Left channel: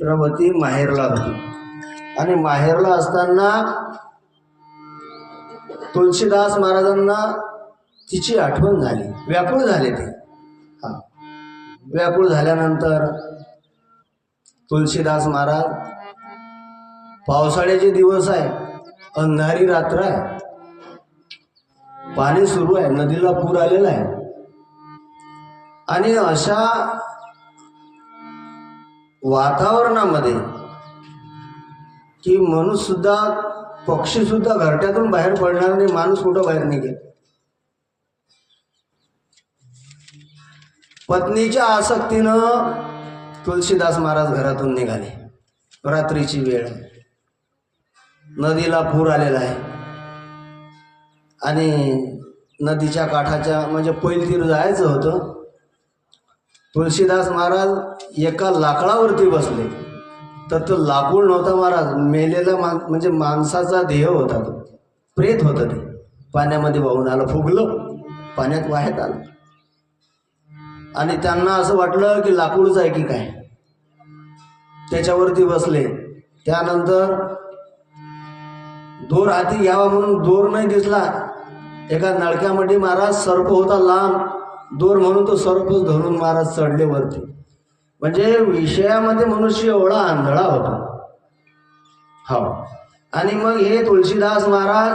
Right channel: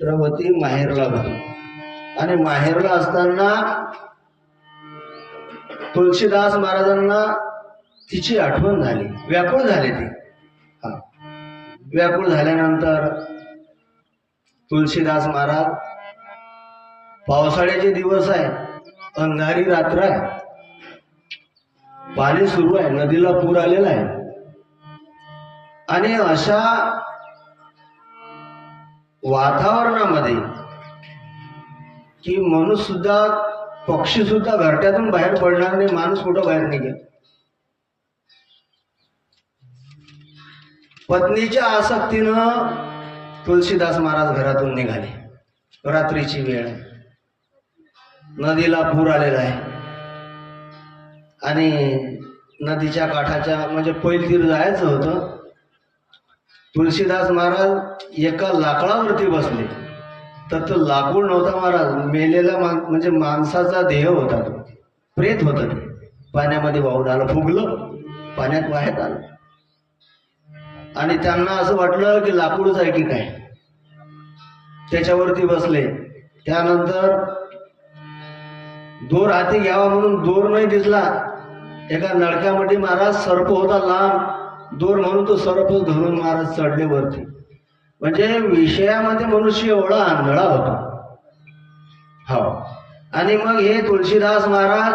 द्रौपदी माहेरला होती आणि माहेरला असताना तुलसीदास महाराजांना तिची आठवण झाली, व्याकुळ झाले ते. व्याकुळ झाल्यानंतर तुलसीदास महाराज, पावसाळ्याचे दिवस आहे, अंधारी रात्र आहे, पाणी सुरू आहे, नदीला पूर आलेला आहे आणि अशा वातावरणामध्ये की मनुष्य सुद्धा, पक्षी सुद्धा घरट्यातून बाहेर पडणार नाही, माणूस कुठं बाहेर निघेल. पत्नीच्या आसक्तीनं तुलसीदास महाराज घरातून निघाले. रात्रीची वेळ, नदीला पूर आलेला आहे आणि नदीच्या काठाच्या म्हणजे पैलतीर जायचं होतं. तुलसीदास महाराज एका लाकडावरती बसले तर तो लाकूड नव्हता महाराज, मेलेला म्हणजे माणसाचा देह होता, तो प्रेत होता. ते पाण्यामध्ये वाहून आलं, फुगलं, पाण्यात वाहत आलं आणि त्यांना असं वाटलं की लाकूडच आहे की काय. त्याच्यावरती बसले. त्यानंतर दोर हाती घ्यावा म्हणून दोर नाही दिसला. एका नळक्यामध्ये महाराज सर्प होता लांब, दोर म्हणून तो सर्पच धरून महाराज चढले वरती. म्हणजे विषयामध्ये मनुष्य एवढा आंधळा होता. हो. आणि मग हे तुलसीदास महाराज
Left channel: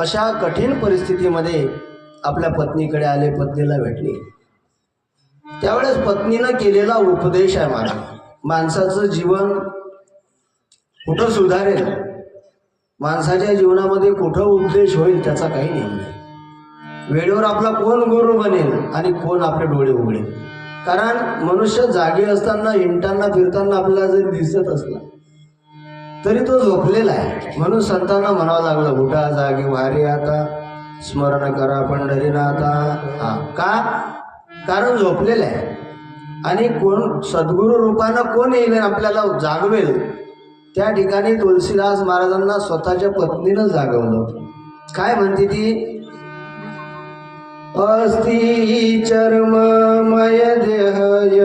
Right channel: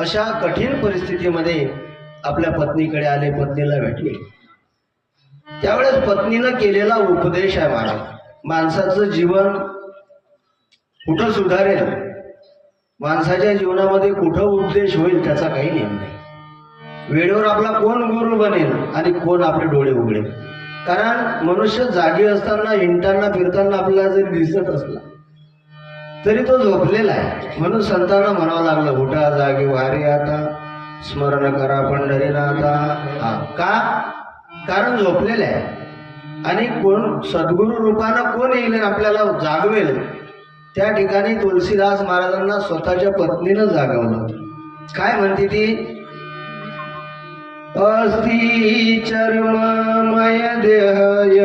अशा कठीण परिस्थितीमध्ये आपल्या पत्नीकडे आले, पत्नीला भेटले. त्यावेळेस पत्नीनं केलेला उपदेश आहे महाराज, माणसाचं जीवन कुठं सुधारेल, माणसाच्या जीवनामध्ये कुठं उपदेश होईल त्याचा काही नियम नाही. वेळेवर आपला कोण गुरु बनेल आणि कोण आपले डोळे उघडेल. कारण मनुष्य जागे असताना, हिंडताना फिरताना आपल्याला जरी दिसत असला तरी तो झोपलेला आहे. म्हणून संतांना म्हणावं लागलं, उठा जागे वारे आता, स्मरण करा पंढरीनाथा. का? कारण झोपलेलं आहे. आणि कोण सद्गुरु रूपानं कोण येईल आपल्याला जागवेल. त्या ठिकाणी तुलसीदास महाराजांना स्वतःच्या पत्नीनं जागवलं. काय म्हणते ती? अस्ति चर्ममय देहय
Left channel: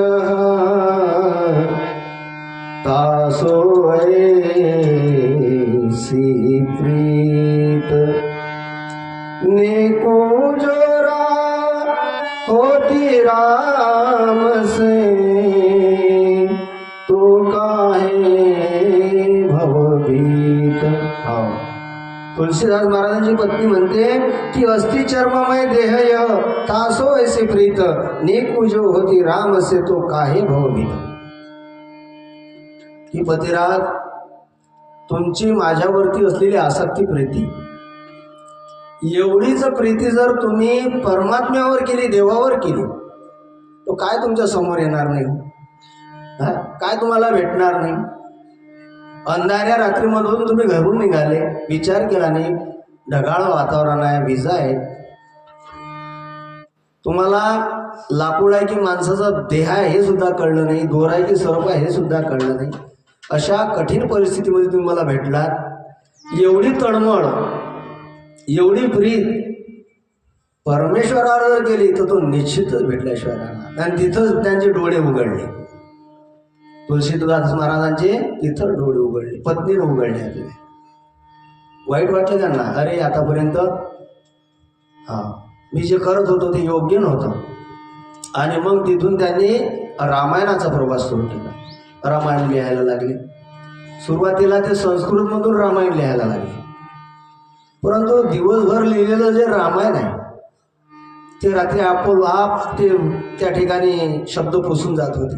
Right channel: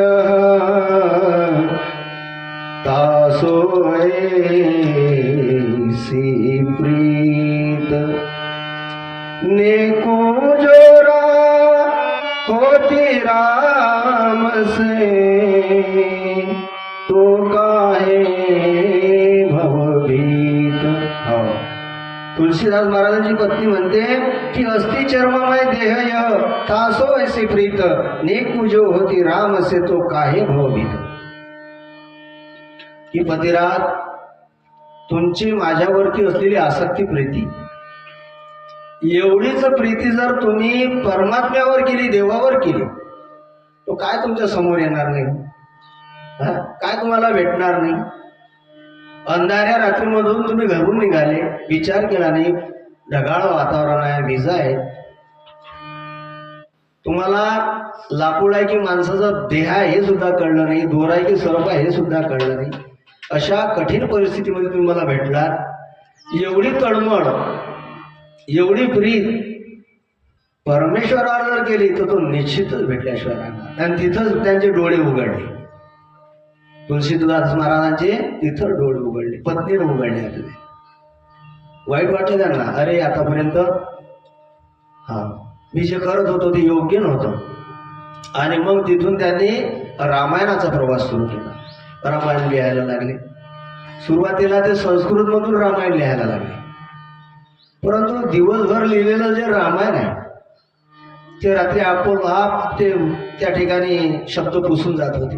तासो ऐसी प्रीत नेको जोरा होती राम से तो काहे भवभीत. तुलसीदास महाराजांची पत्नी म्हणते की अस्ति चर्ममय देहय तासो ऐसी प्रीत नेकू जो होती राम से तो काहे भवभीत. की पतिराज, तुमची माझ्यावरती असलेली आसक्ती प्रीती, एवढीच प्रीती जर तुम्ही परमात्म्यावर केली, देवावर केली, तो काय तुमच्या समोर येणार नाही, काय तुम्हाला भेटणार नाही. अंधाऱ्या रात्रीमधून तुम्ही घरून निघाले, विचार केला नाही, ढगाळ वातावरण आहे, विजा आहे, तुम्हाला लाकूड आहे की माणसाचा देह आहे हे सुद्धा कळलं नाही, दोर आहे की सर्प आहे हे सुद्धा कळलं नाही. अशा कठीण परिस्थितीमध्ये तुम्ही मला भेटला. एवढी तळमळ, एवढी प्रीत परमेश्वराला जर केली तर तो निश्चितच भेटल्याशिवाय राहणार. आणि तिथंच त्यांचे डोळे उघडले. तुलसीदास महाराजांचे तिथं डोळे उघडले, पत्नीने उघडले. आपले वाईट वाटलं त्यांना, अरे आतापर्यंत मी जे करत होतो ते योग्य नव्हतं. आणि मग तिथून त्यांनी रामायणाचा प्रवास सुरू केला. रामायण लिहायला लागले. सुरुवातीला ते संस्कृतमधून रामायण लिहायला लागले. परंतु दिवसभर लिहिलेलं जे रामायण आहे ते रात्री आपोआप ते त्या ठिकाणी शब्द पुसून जात होते.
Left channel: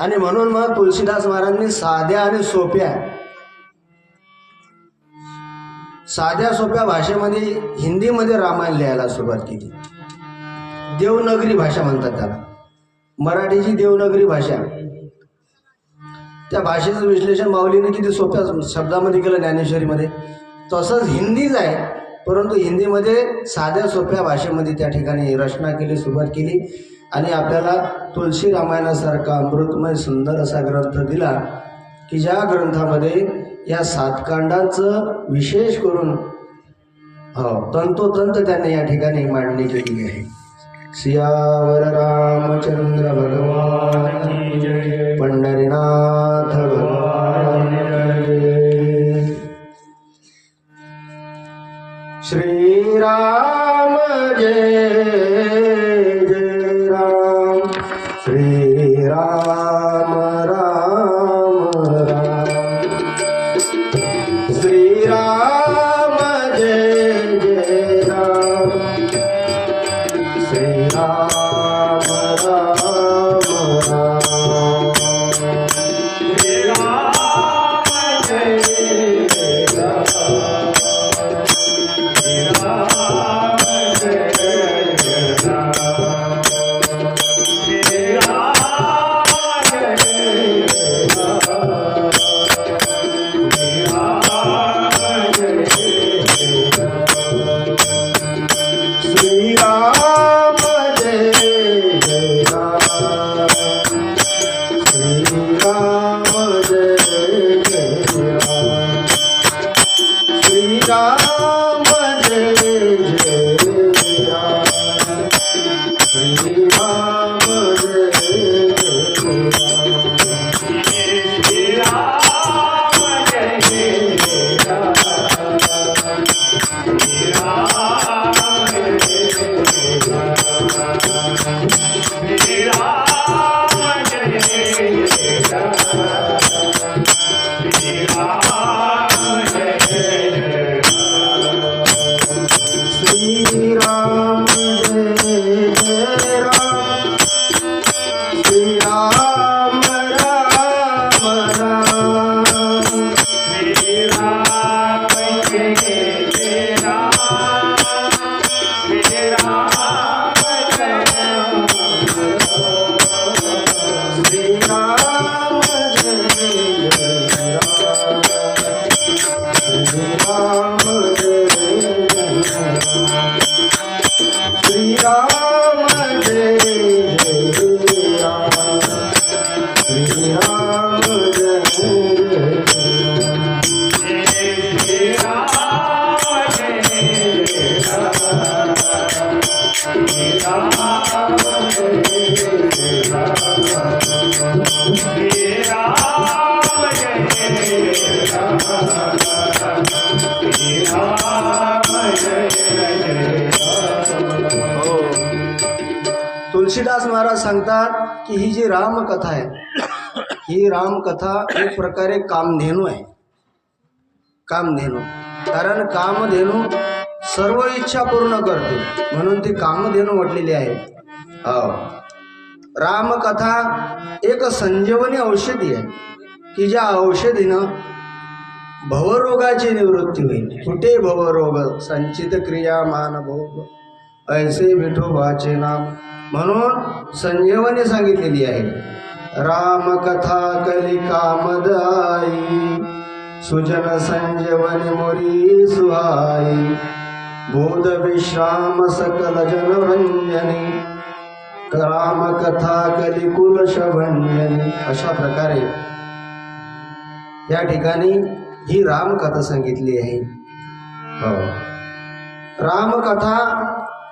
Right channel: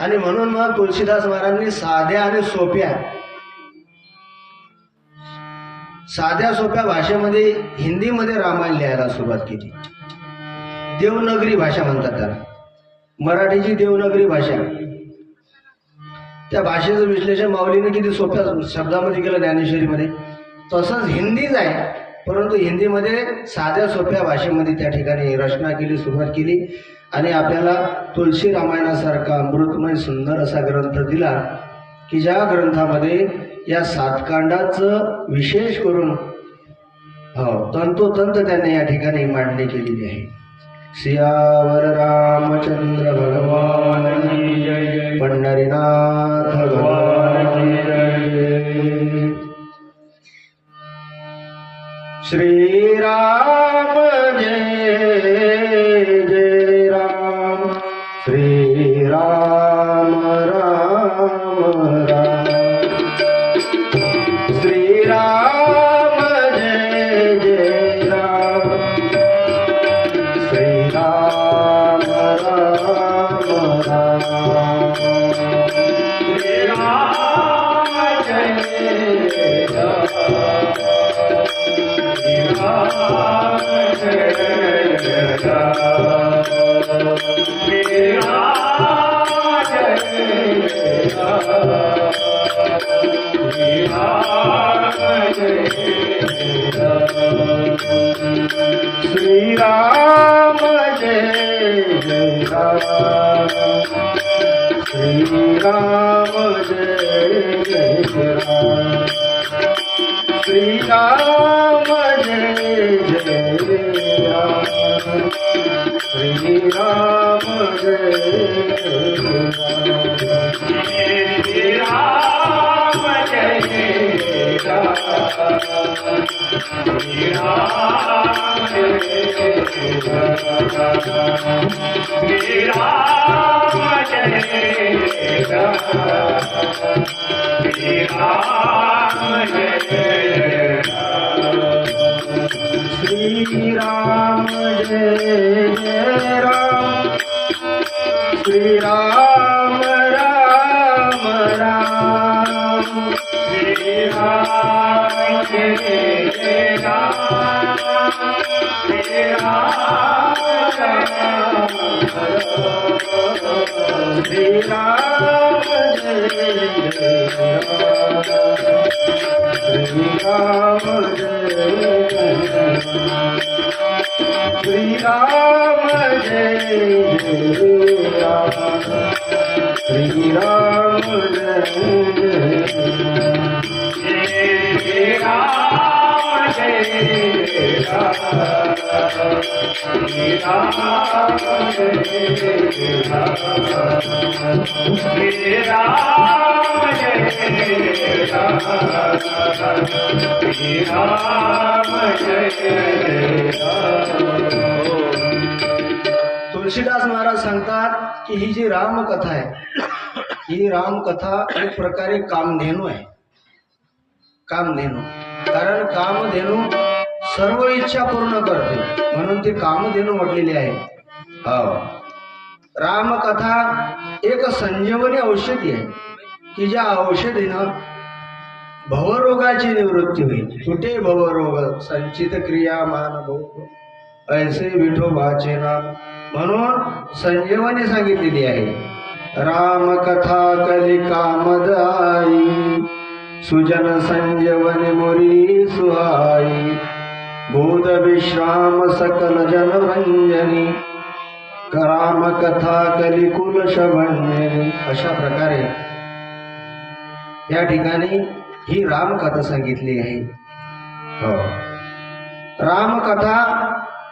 आणि म्हणून मग तुलसीदास महाराजांनी साध्या आणि साध्या सोप्या भाषेमध्ये, हिंदीमध्ये रामायण लिहायला सुरुवात केली. देवनागरी भाषा म्हणतात त्याला, मराठीची देवनागरी भाषा. त्या भाषेचं विश्लेषण माऊलीने किती सोप्या शब्दामध्ये केलं ज्ञानेश्वरीमध्ये. तसंच हिंदीच आहे, परंतु हिंदीमध्ये साध्या सोप्या भाषेमध्ये त्या ठिकाणी रचना केली, सुरुवात केली. आणि आपल्याला तुलसी रामायणासारखा अमृतमय सुंदर असा ग्रंथ दिला की ज्या ग्रंथामध्ये या 7 कांडाचं विशेष करून तंतोतंत त्यांनी या ठिकाणी मांडणी केलेली आहे. सियावर रामचंद्र भगवान की जय. राम राम राम श्री राम जय जय राम श्री राम राम राम श्री राम जय जय राम श्री राम जय जय राम श्री राम जय जय राम श्री राम जय जय राम श्री राम जय जय राम श्री राम जय जय राम श्री राम जय जय राम श्री राम जय श्री राम जय जय राम श्री राम राम राम श्री राम जय जय राम श्री राम श्री राम जय जय राम श्री राम जय श्री राम जय जय राम श्री राम जय जय श्री राम जय जय राम श्री राम जय जय राम श्री राम जय जय राम श्री राम जय जय तुलसीदास महाराज सांगतात की ही जी रामकथा आहे ही रामकथा एक प्रकारे कामधेनू आहे. कामधेनू कारण कामधेनू सर्व इच्छा पूर्ण करते म्हणून ती कामधेनू म्हटलेली आहे. रामकथा एक संजीवनी औषधी आहे की ज्या औषधीनं भवरोगाची निवृत्ती होईल. कुठे भवरोग संचित क्रिया मानभोग ऐसे विठोबाचे नाम म्हणून संजीवनी सांगितलेली आहे. रामकथा कली कामदायी सुजन संजीवनी मुरी सुहाई बोध विश्राम सकल जनरंजनी रामकथा कली कुल शवण्यनी. अशा प्रकारे या ठिकाणी ही रामकथा सांगितली आहे. रामकथा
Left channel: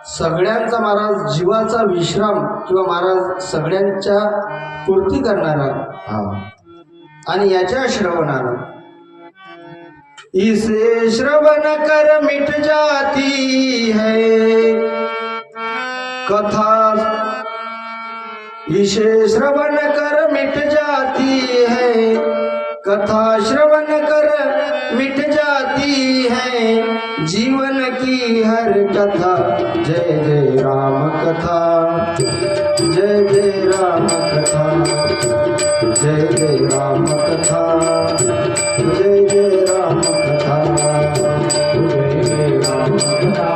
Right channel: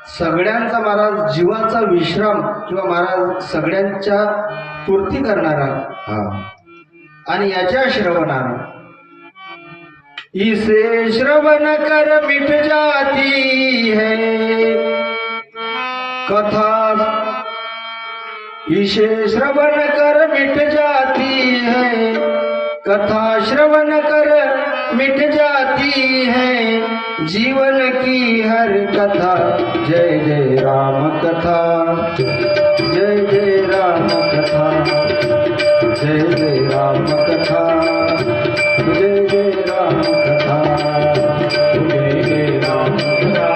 सगळ्यांचा महाराज जीवाचा विश्राम किंवा महाराज सगळ्यांच्या पूर्ती करणारा आणि याच्या श्रवणानं इसे श्रवण कर मिट जाती है कथा इसे श्रवण कर मिट जाती है कथा श्रवण कर मिट जाती है जीवन की हर कथा. जय जय राम कथा जय जय राम कथा जय जय राम कथा जय जय राम कथा जय जय राम कथा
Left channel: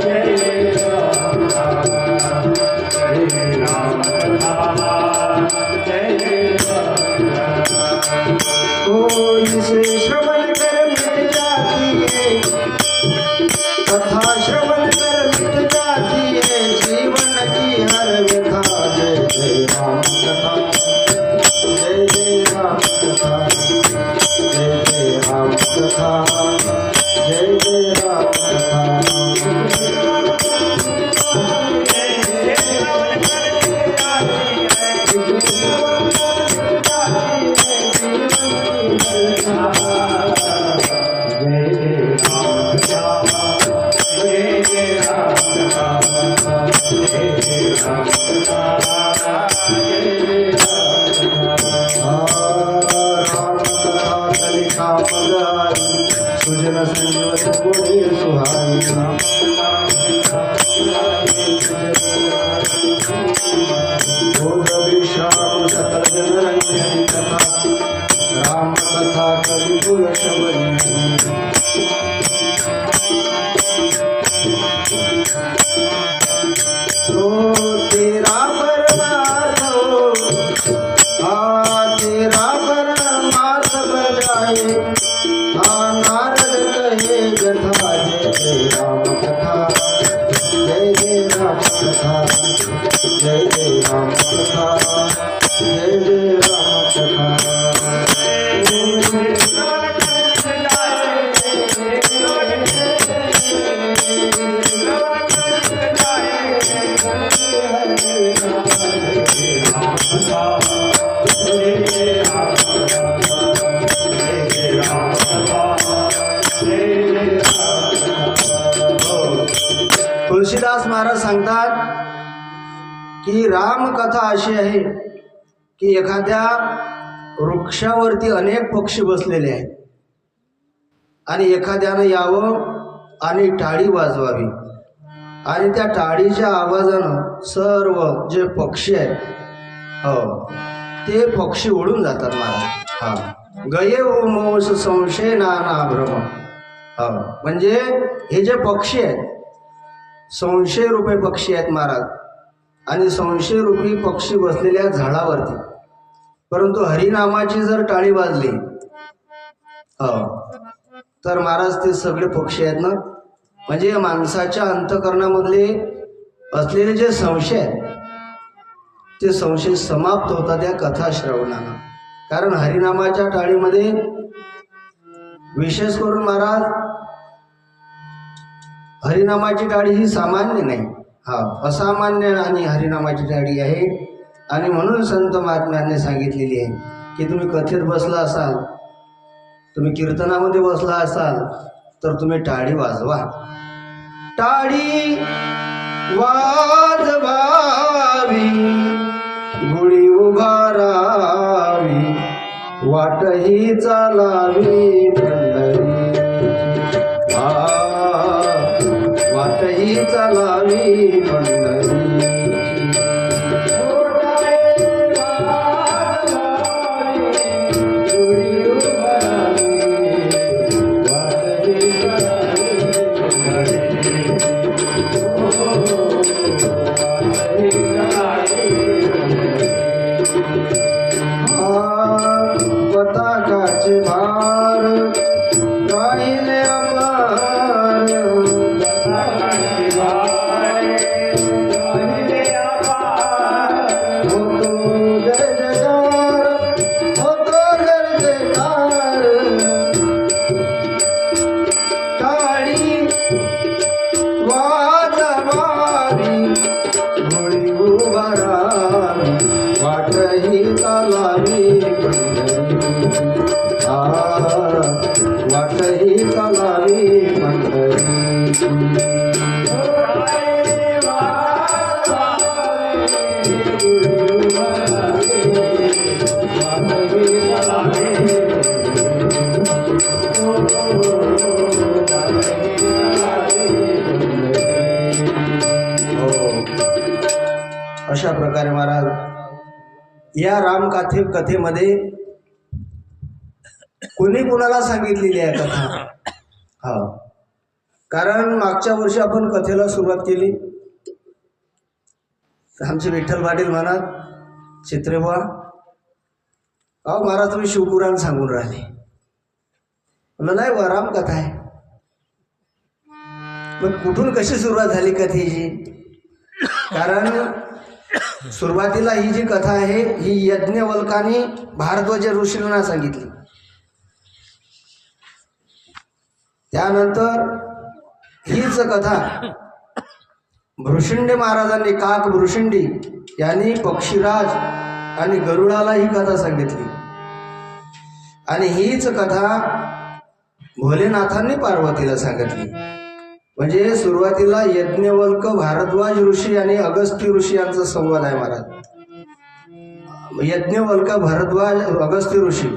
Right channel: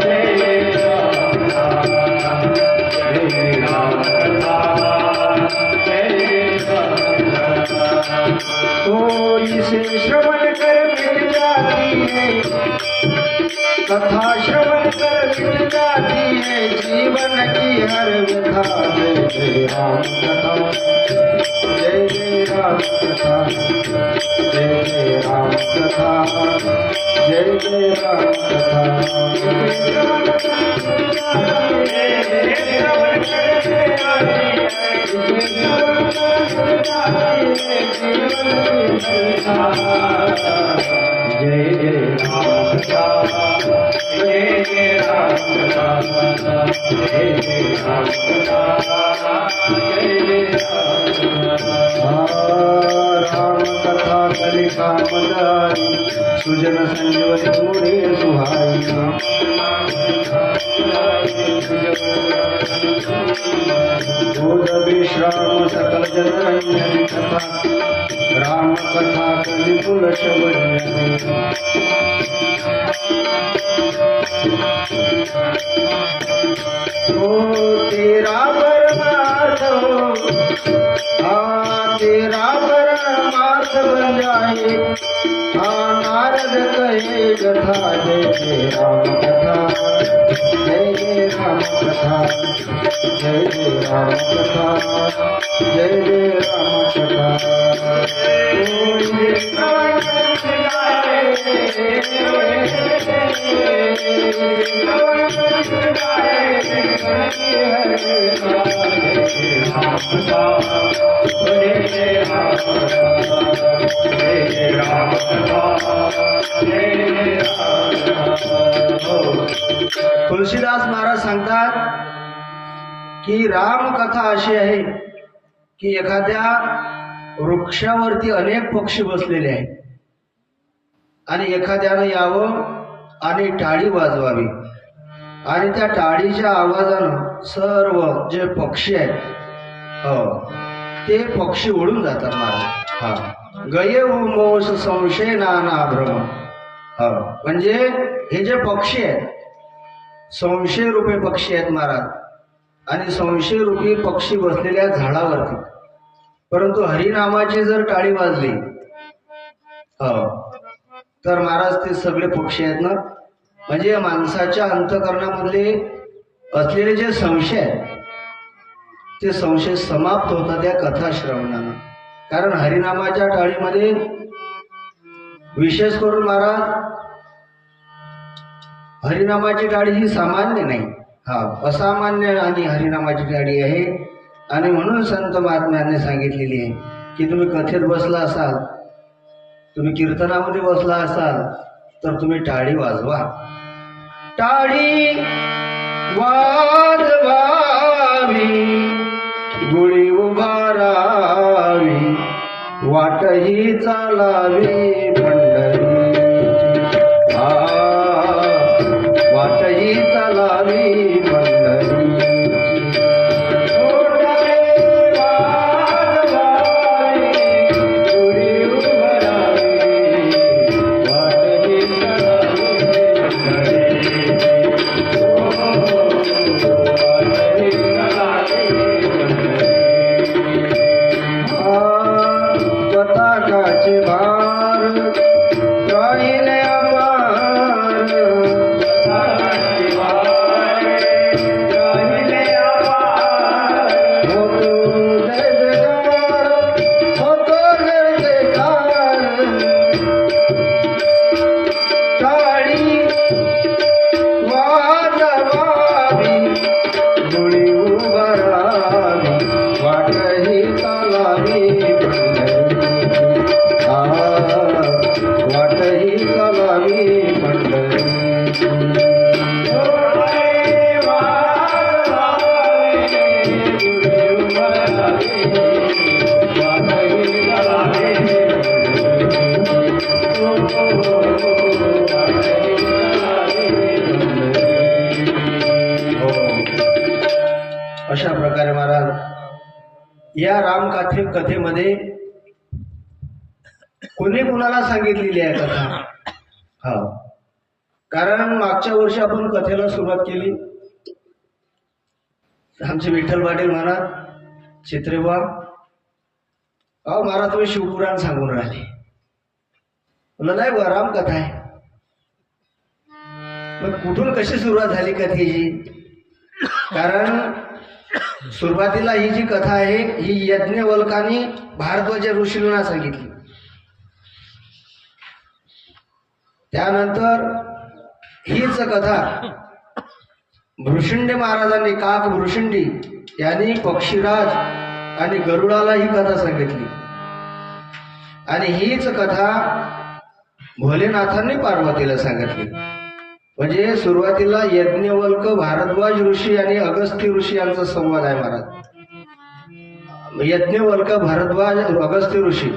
जय जय राम कथा जय तो इसे श्रवण कर मिट जाती है कथा श्रवण कर मिट जाती है जीवन की हर व्यथा. जय जय राम कथा तुलसीदास महाराज सांगतात की रामकथा अशी आहे की एखाद्या वृक्षावरती अनेक पक्षी बसलेले आहेत आणि एखाद्यानं यावं आणि टाळी वाजवावी आणि त्या टाळीच्या आवाजानं सर्व जे पक्षी आहेत हो ते पक्षी उडून जातात महाराज. हा गये उमोष संशय नाना भ्रम. म्हणजे हे जे पक्षी आहेत संशय रूपी पक्षी आहेत महाराज आणि संशय रूपी पक्षी बसलेल्या झाडावरती. परंतु हरिनामाची जर टाळी वाजली तर महाराज ते सगळे पक्षी आहेत ना म्हणजे माणसाच्या अंतःकरणामधले असलेले जे संशय आहेत ते संशय समाप्त होतात त्या कथा श्रवणानं. कारण हरिनामाच्या टाळीमध्ये विशेष करून महाराज हरिनामाची टाळी ही सामान्य नाही असामान्य आणि हरिनामाची टाळी आहे. आणि म्हणून संत महात्म्यांनी सांगितलेली आहे की तुम्ही कथेत बसला असाल तुम्ही कीर्तनामध्ये बसला असाल तर तुम्ही टाळी वाजवा. टाळी वाजवावी गुढी उभारावी वाटही चालावी पंढरी वाटही चालावी पंढरी. अशा प्रकारे महाराज या कथेमध्ये कुणी कुणाला सांगितलेली आहे कथा. कारण मागच्या वर्षी आपण कथेला सुरुवात केली. आमचे विठ्ठल पाटील म्हणा चित्रेबुवा अहो महाराज तुम्ही शिवपुराण सांगून राहिले. म्हणलं नाही बा रामकथा आहे. पण कुठून कशी सुरुवात झाली कथेची. कारण सुरुवातीला ही जी कथा आहे ही यज्ञवल्काने भारद्वाज ऋषींना सांगितली. त्यानंतर हीच कथा भृशंडी महाराजांनी काक भृशंडी यांनी पक्षीराज आणि गरुडाला ही कथा सांगितली. आणि हीच कथा भोलेनाथांनी पार्वतीला सांगितली. म्हणजे सुरुवातीला यज्ञवल्क भारद्वाज ऋषी आणि अगस्त्य ऋषी यांचा संवाद आहे महाराज. यज्ञवल्क भारद्वाज अगस्त्य ऋषी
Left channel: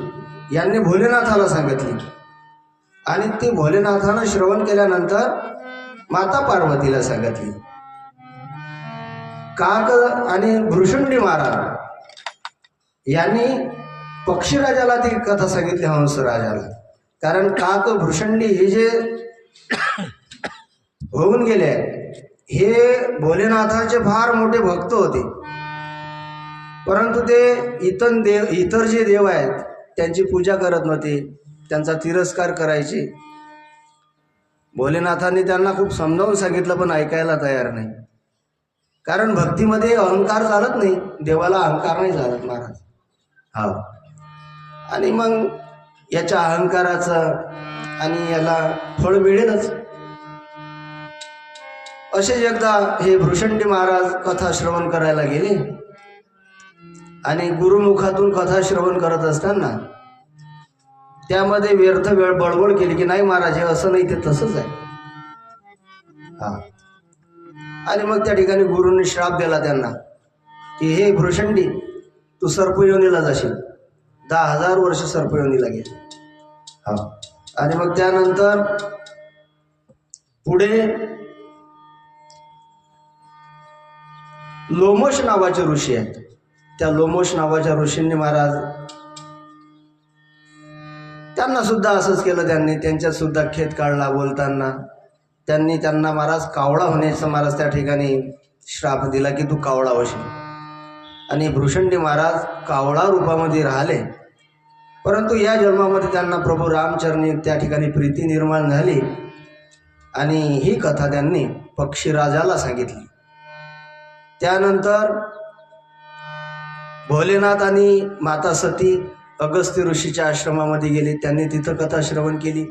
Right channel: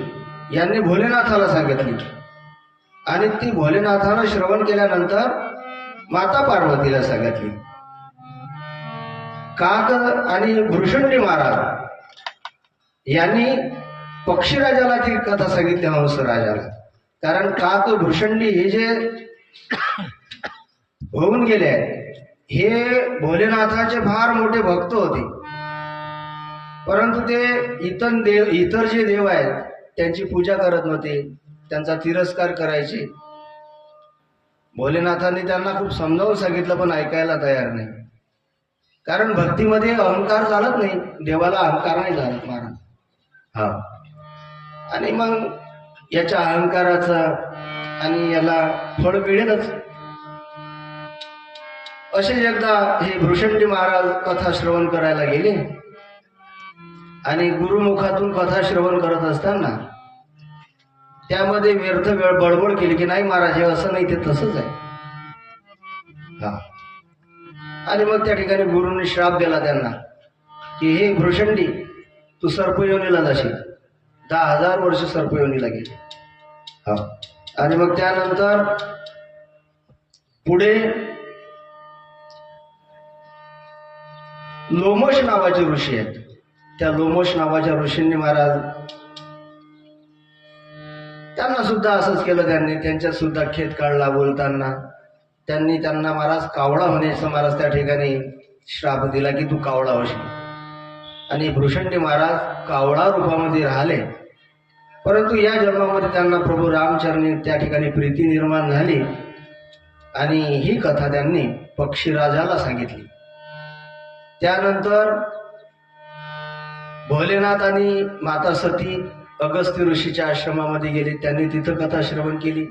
यांनी भोलेनाथाला सांगितली आणि ती भोलेनाथानं श्रवण केल्यानंतर माता पार्वतीला सांगितली. काक आणि भृशंडी महाराज यांनी पक्षीराजाला ती कथा सांगितली हंसराजाला. कारण काक भृशंडी हे जे होऊन गेले हे भोलेनाथाचे फार मोठे भक्त होते. परंतु ते इतर जे देव आहेत त्यांची पूजा करत नव्हते, त्यांचा तिरस्कार करायचे. भोलेनाथांनी त्यांना खूप समजावून सांगितलं पण ऐकायला तयार नाही. कारण भक्तीमध्ये अहंकार चालत नाही, देवाला अहंकार नाही चालत महाराज. आणि मग याच्या अहंकाराचं आणि याला फळ मिळेलच. असेच एकदा हे भृशंडी महाराज कथा श्रवण करायला गेले आणि गुरुमुखातून कथा श्रवण करत असताना त्यामध्ये व्यर्थ वेळ बडबड केली की नाही महाराज हे असं नाही, ते तसंच आहे. हा. आणि मग त्या ठिकाणी गुरुने श्राप दिला त्यांना की हे भृषंडी, तू सर्पयोनीला जाशील. 10,000 वर्ष सर्पयोनीला गेले. हा. आणि मग त्यानंतर पुढे लोमश नावाचे ऋषी आहेत. त्या लोमश नावाच्या ऋषींनी महाराज त्यांना सुद्धा असंच केलं. त्यांनी त्यांच्यात सुद्धा खेद काढला. बोलताना त्यांना महाराज कावळा होण्याचा महाराज त्या ठिकाणी श्राप दिला की तू कावळा होशील. आणि भृषंडी महाराज कावळा रूपामध्ये राहिले. परंतु या जन्मामध्ये त्यांना प्रभू रामचरणी त्या ठिकाणी प्रीती निर्माण झाली आणि ही कथा त्यांनी पक्षीराजाला सांगितली. त्यानंतर भोलेनाथ आणि माता सती अगस्त्य ऋषीच्या आश्रमामध्ये गेले. त्यांनी तिथं कथा श्रवण केली.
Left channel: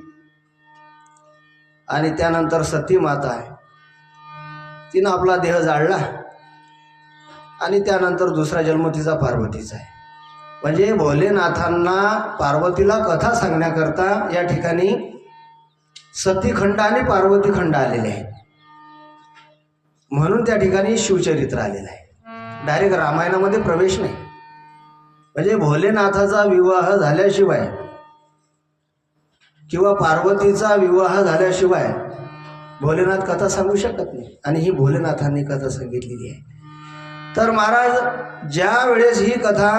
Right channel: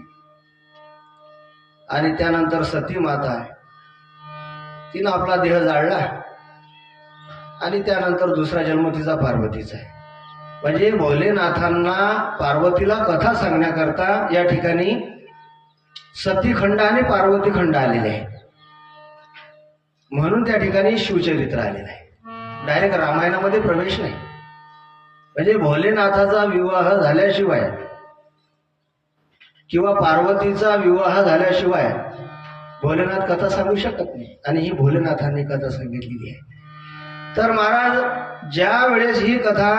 आणि त्यानंतर सती माता आहे, तिनं आपला देह जाळला आणि त्यानंतर दुसरा जन्म तिचा पार्वतीचा आहे. म्हणजे भोलेनाथांना पार्वतीला कथा सांगण्याकरता या ठिकाणी सतीखंड आणि पार्वतीखंड आलेले आहे. म्हणून त्या ठिकाणी शिवचरित्र आलेलं आहे. डायरेक्ट रामायणामध्ये प्रवेश नाही. म्हणजे भोलेनाथाचा विवाह झाल्याशिवाय किंवा पार्वतीचा विवाह झाल्याशिवाय भोलेनाथ कथा सांगू शकत नाही. आणि ही भोलेनाथांनी कथा सांगितलेली आहे. तर महाराज ज्या वेळेस ही कथा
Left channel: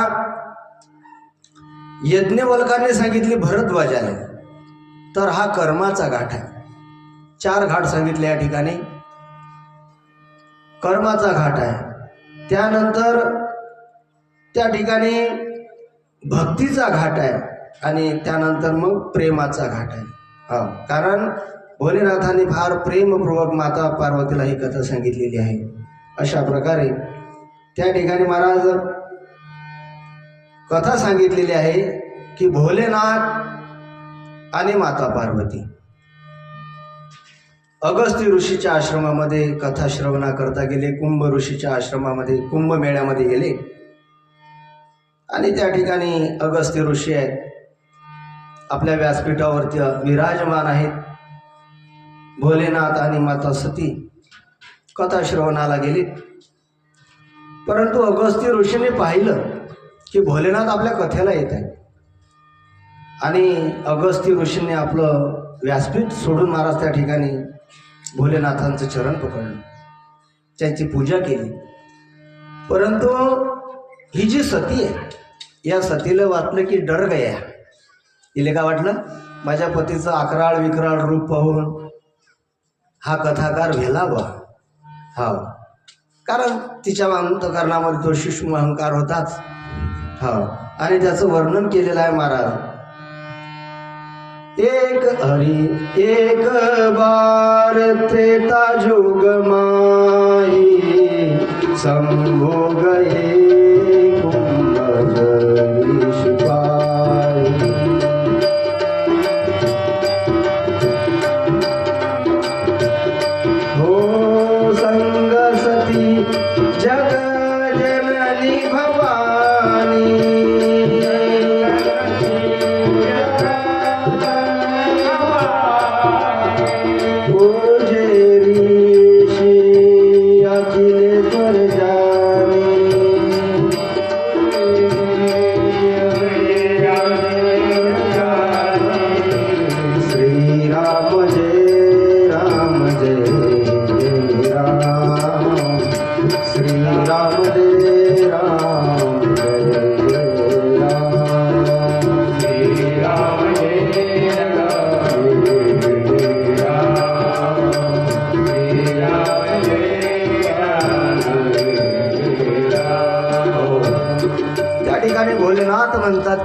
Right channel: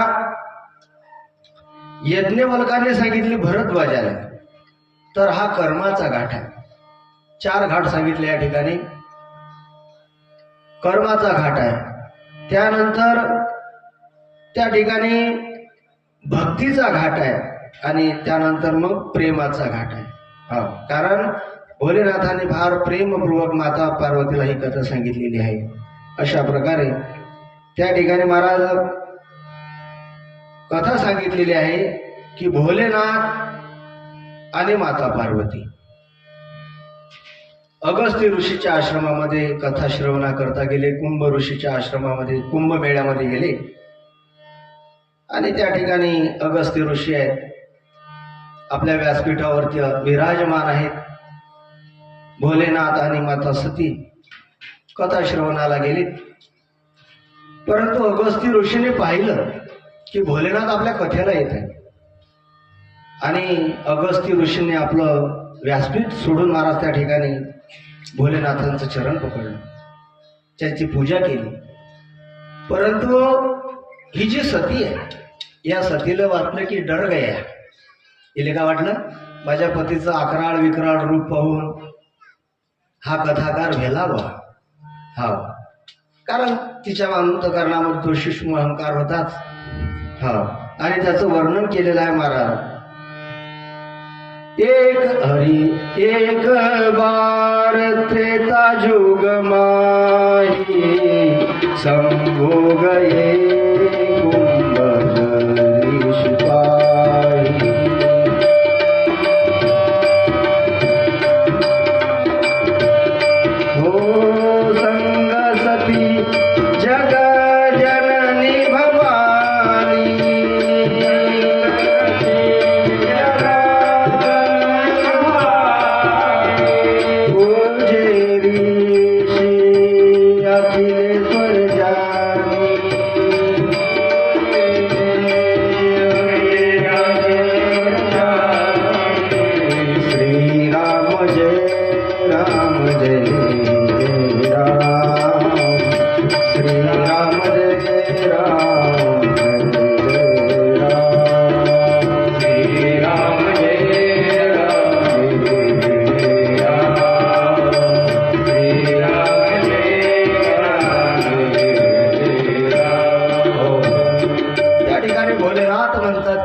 यज्ञवल्काने सांगितली भरद्वाजाला, तर हा कर्माचा घाट आहे. 4 घाट सांगितले या ठिकाणी. कर्माचा घाट आहे, त्यानंतर त्या ठिकाणी भक्तीचा घाट आहे आणि त्यानंतर मग प्रेमाचा घाट आहे. हा, कारण भोलेनाथाने फार प्रेमपूर्वक माता पार्वतीला ही कथा सांगितलेली आहे. अशा प्रकारे त्या ठिकाणी महाराज कथा सांगितलेली आहे की भोलेनाथ आणि माता पार्वती अगस्त्य ऋषीच्या आश्रमामध्ये कथा श्रवणा करता गेले. कुंभ ऋषीच्या आश्रमामध्ये कुंभमेळ्यामध्ये गेले आणि त्या ठिकाणी अगस्त्य ऋषी आहेत, आपल्या व्यासपीठावरती विराजमान आहेत. भोलेनाथ आणि माता सती कथा श्रवणाला गेलीत. परंतु अगस्त्य ऋषीने पाहिलं की भोलेनाथ आपल्या कथेला येत आहे आणि अगस्त्य ऋषीने आपलं व्यासपीठ सोडून महाराज त्या ठिकाणी भोलेनाथांचं चरण पकडलं, त्यांची पूजा केली. परंतु ही जी सती आहे, या सतीला वाटलं की डर गया. तिला काय वाटलं, माझ्या पतीचं अकराळ विकराळ रूप पाहून हा कथाकार भेलावा. हा, कारण तिच्या अंतकरणामध्ये तो सूक्ष्म अहंकार होताच. हा, आणि त्याचं वर्णन केलेलं आहे महाराज. एक हरी एक बार त्रेता जुग माही संभोग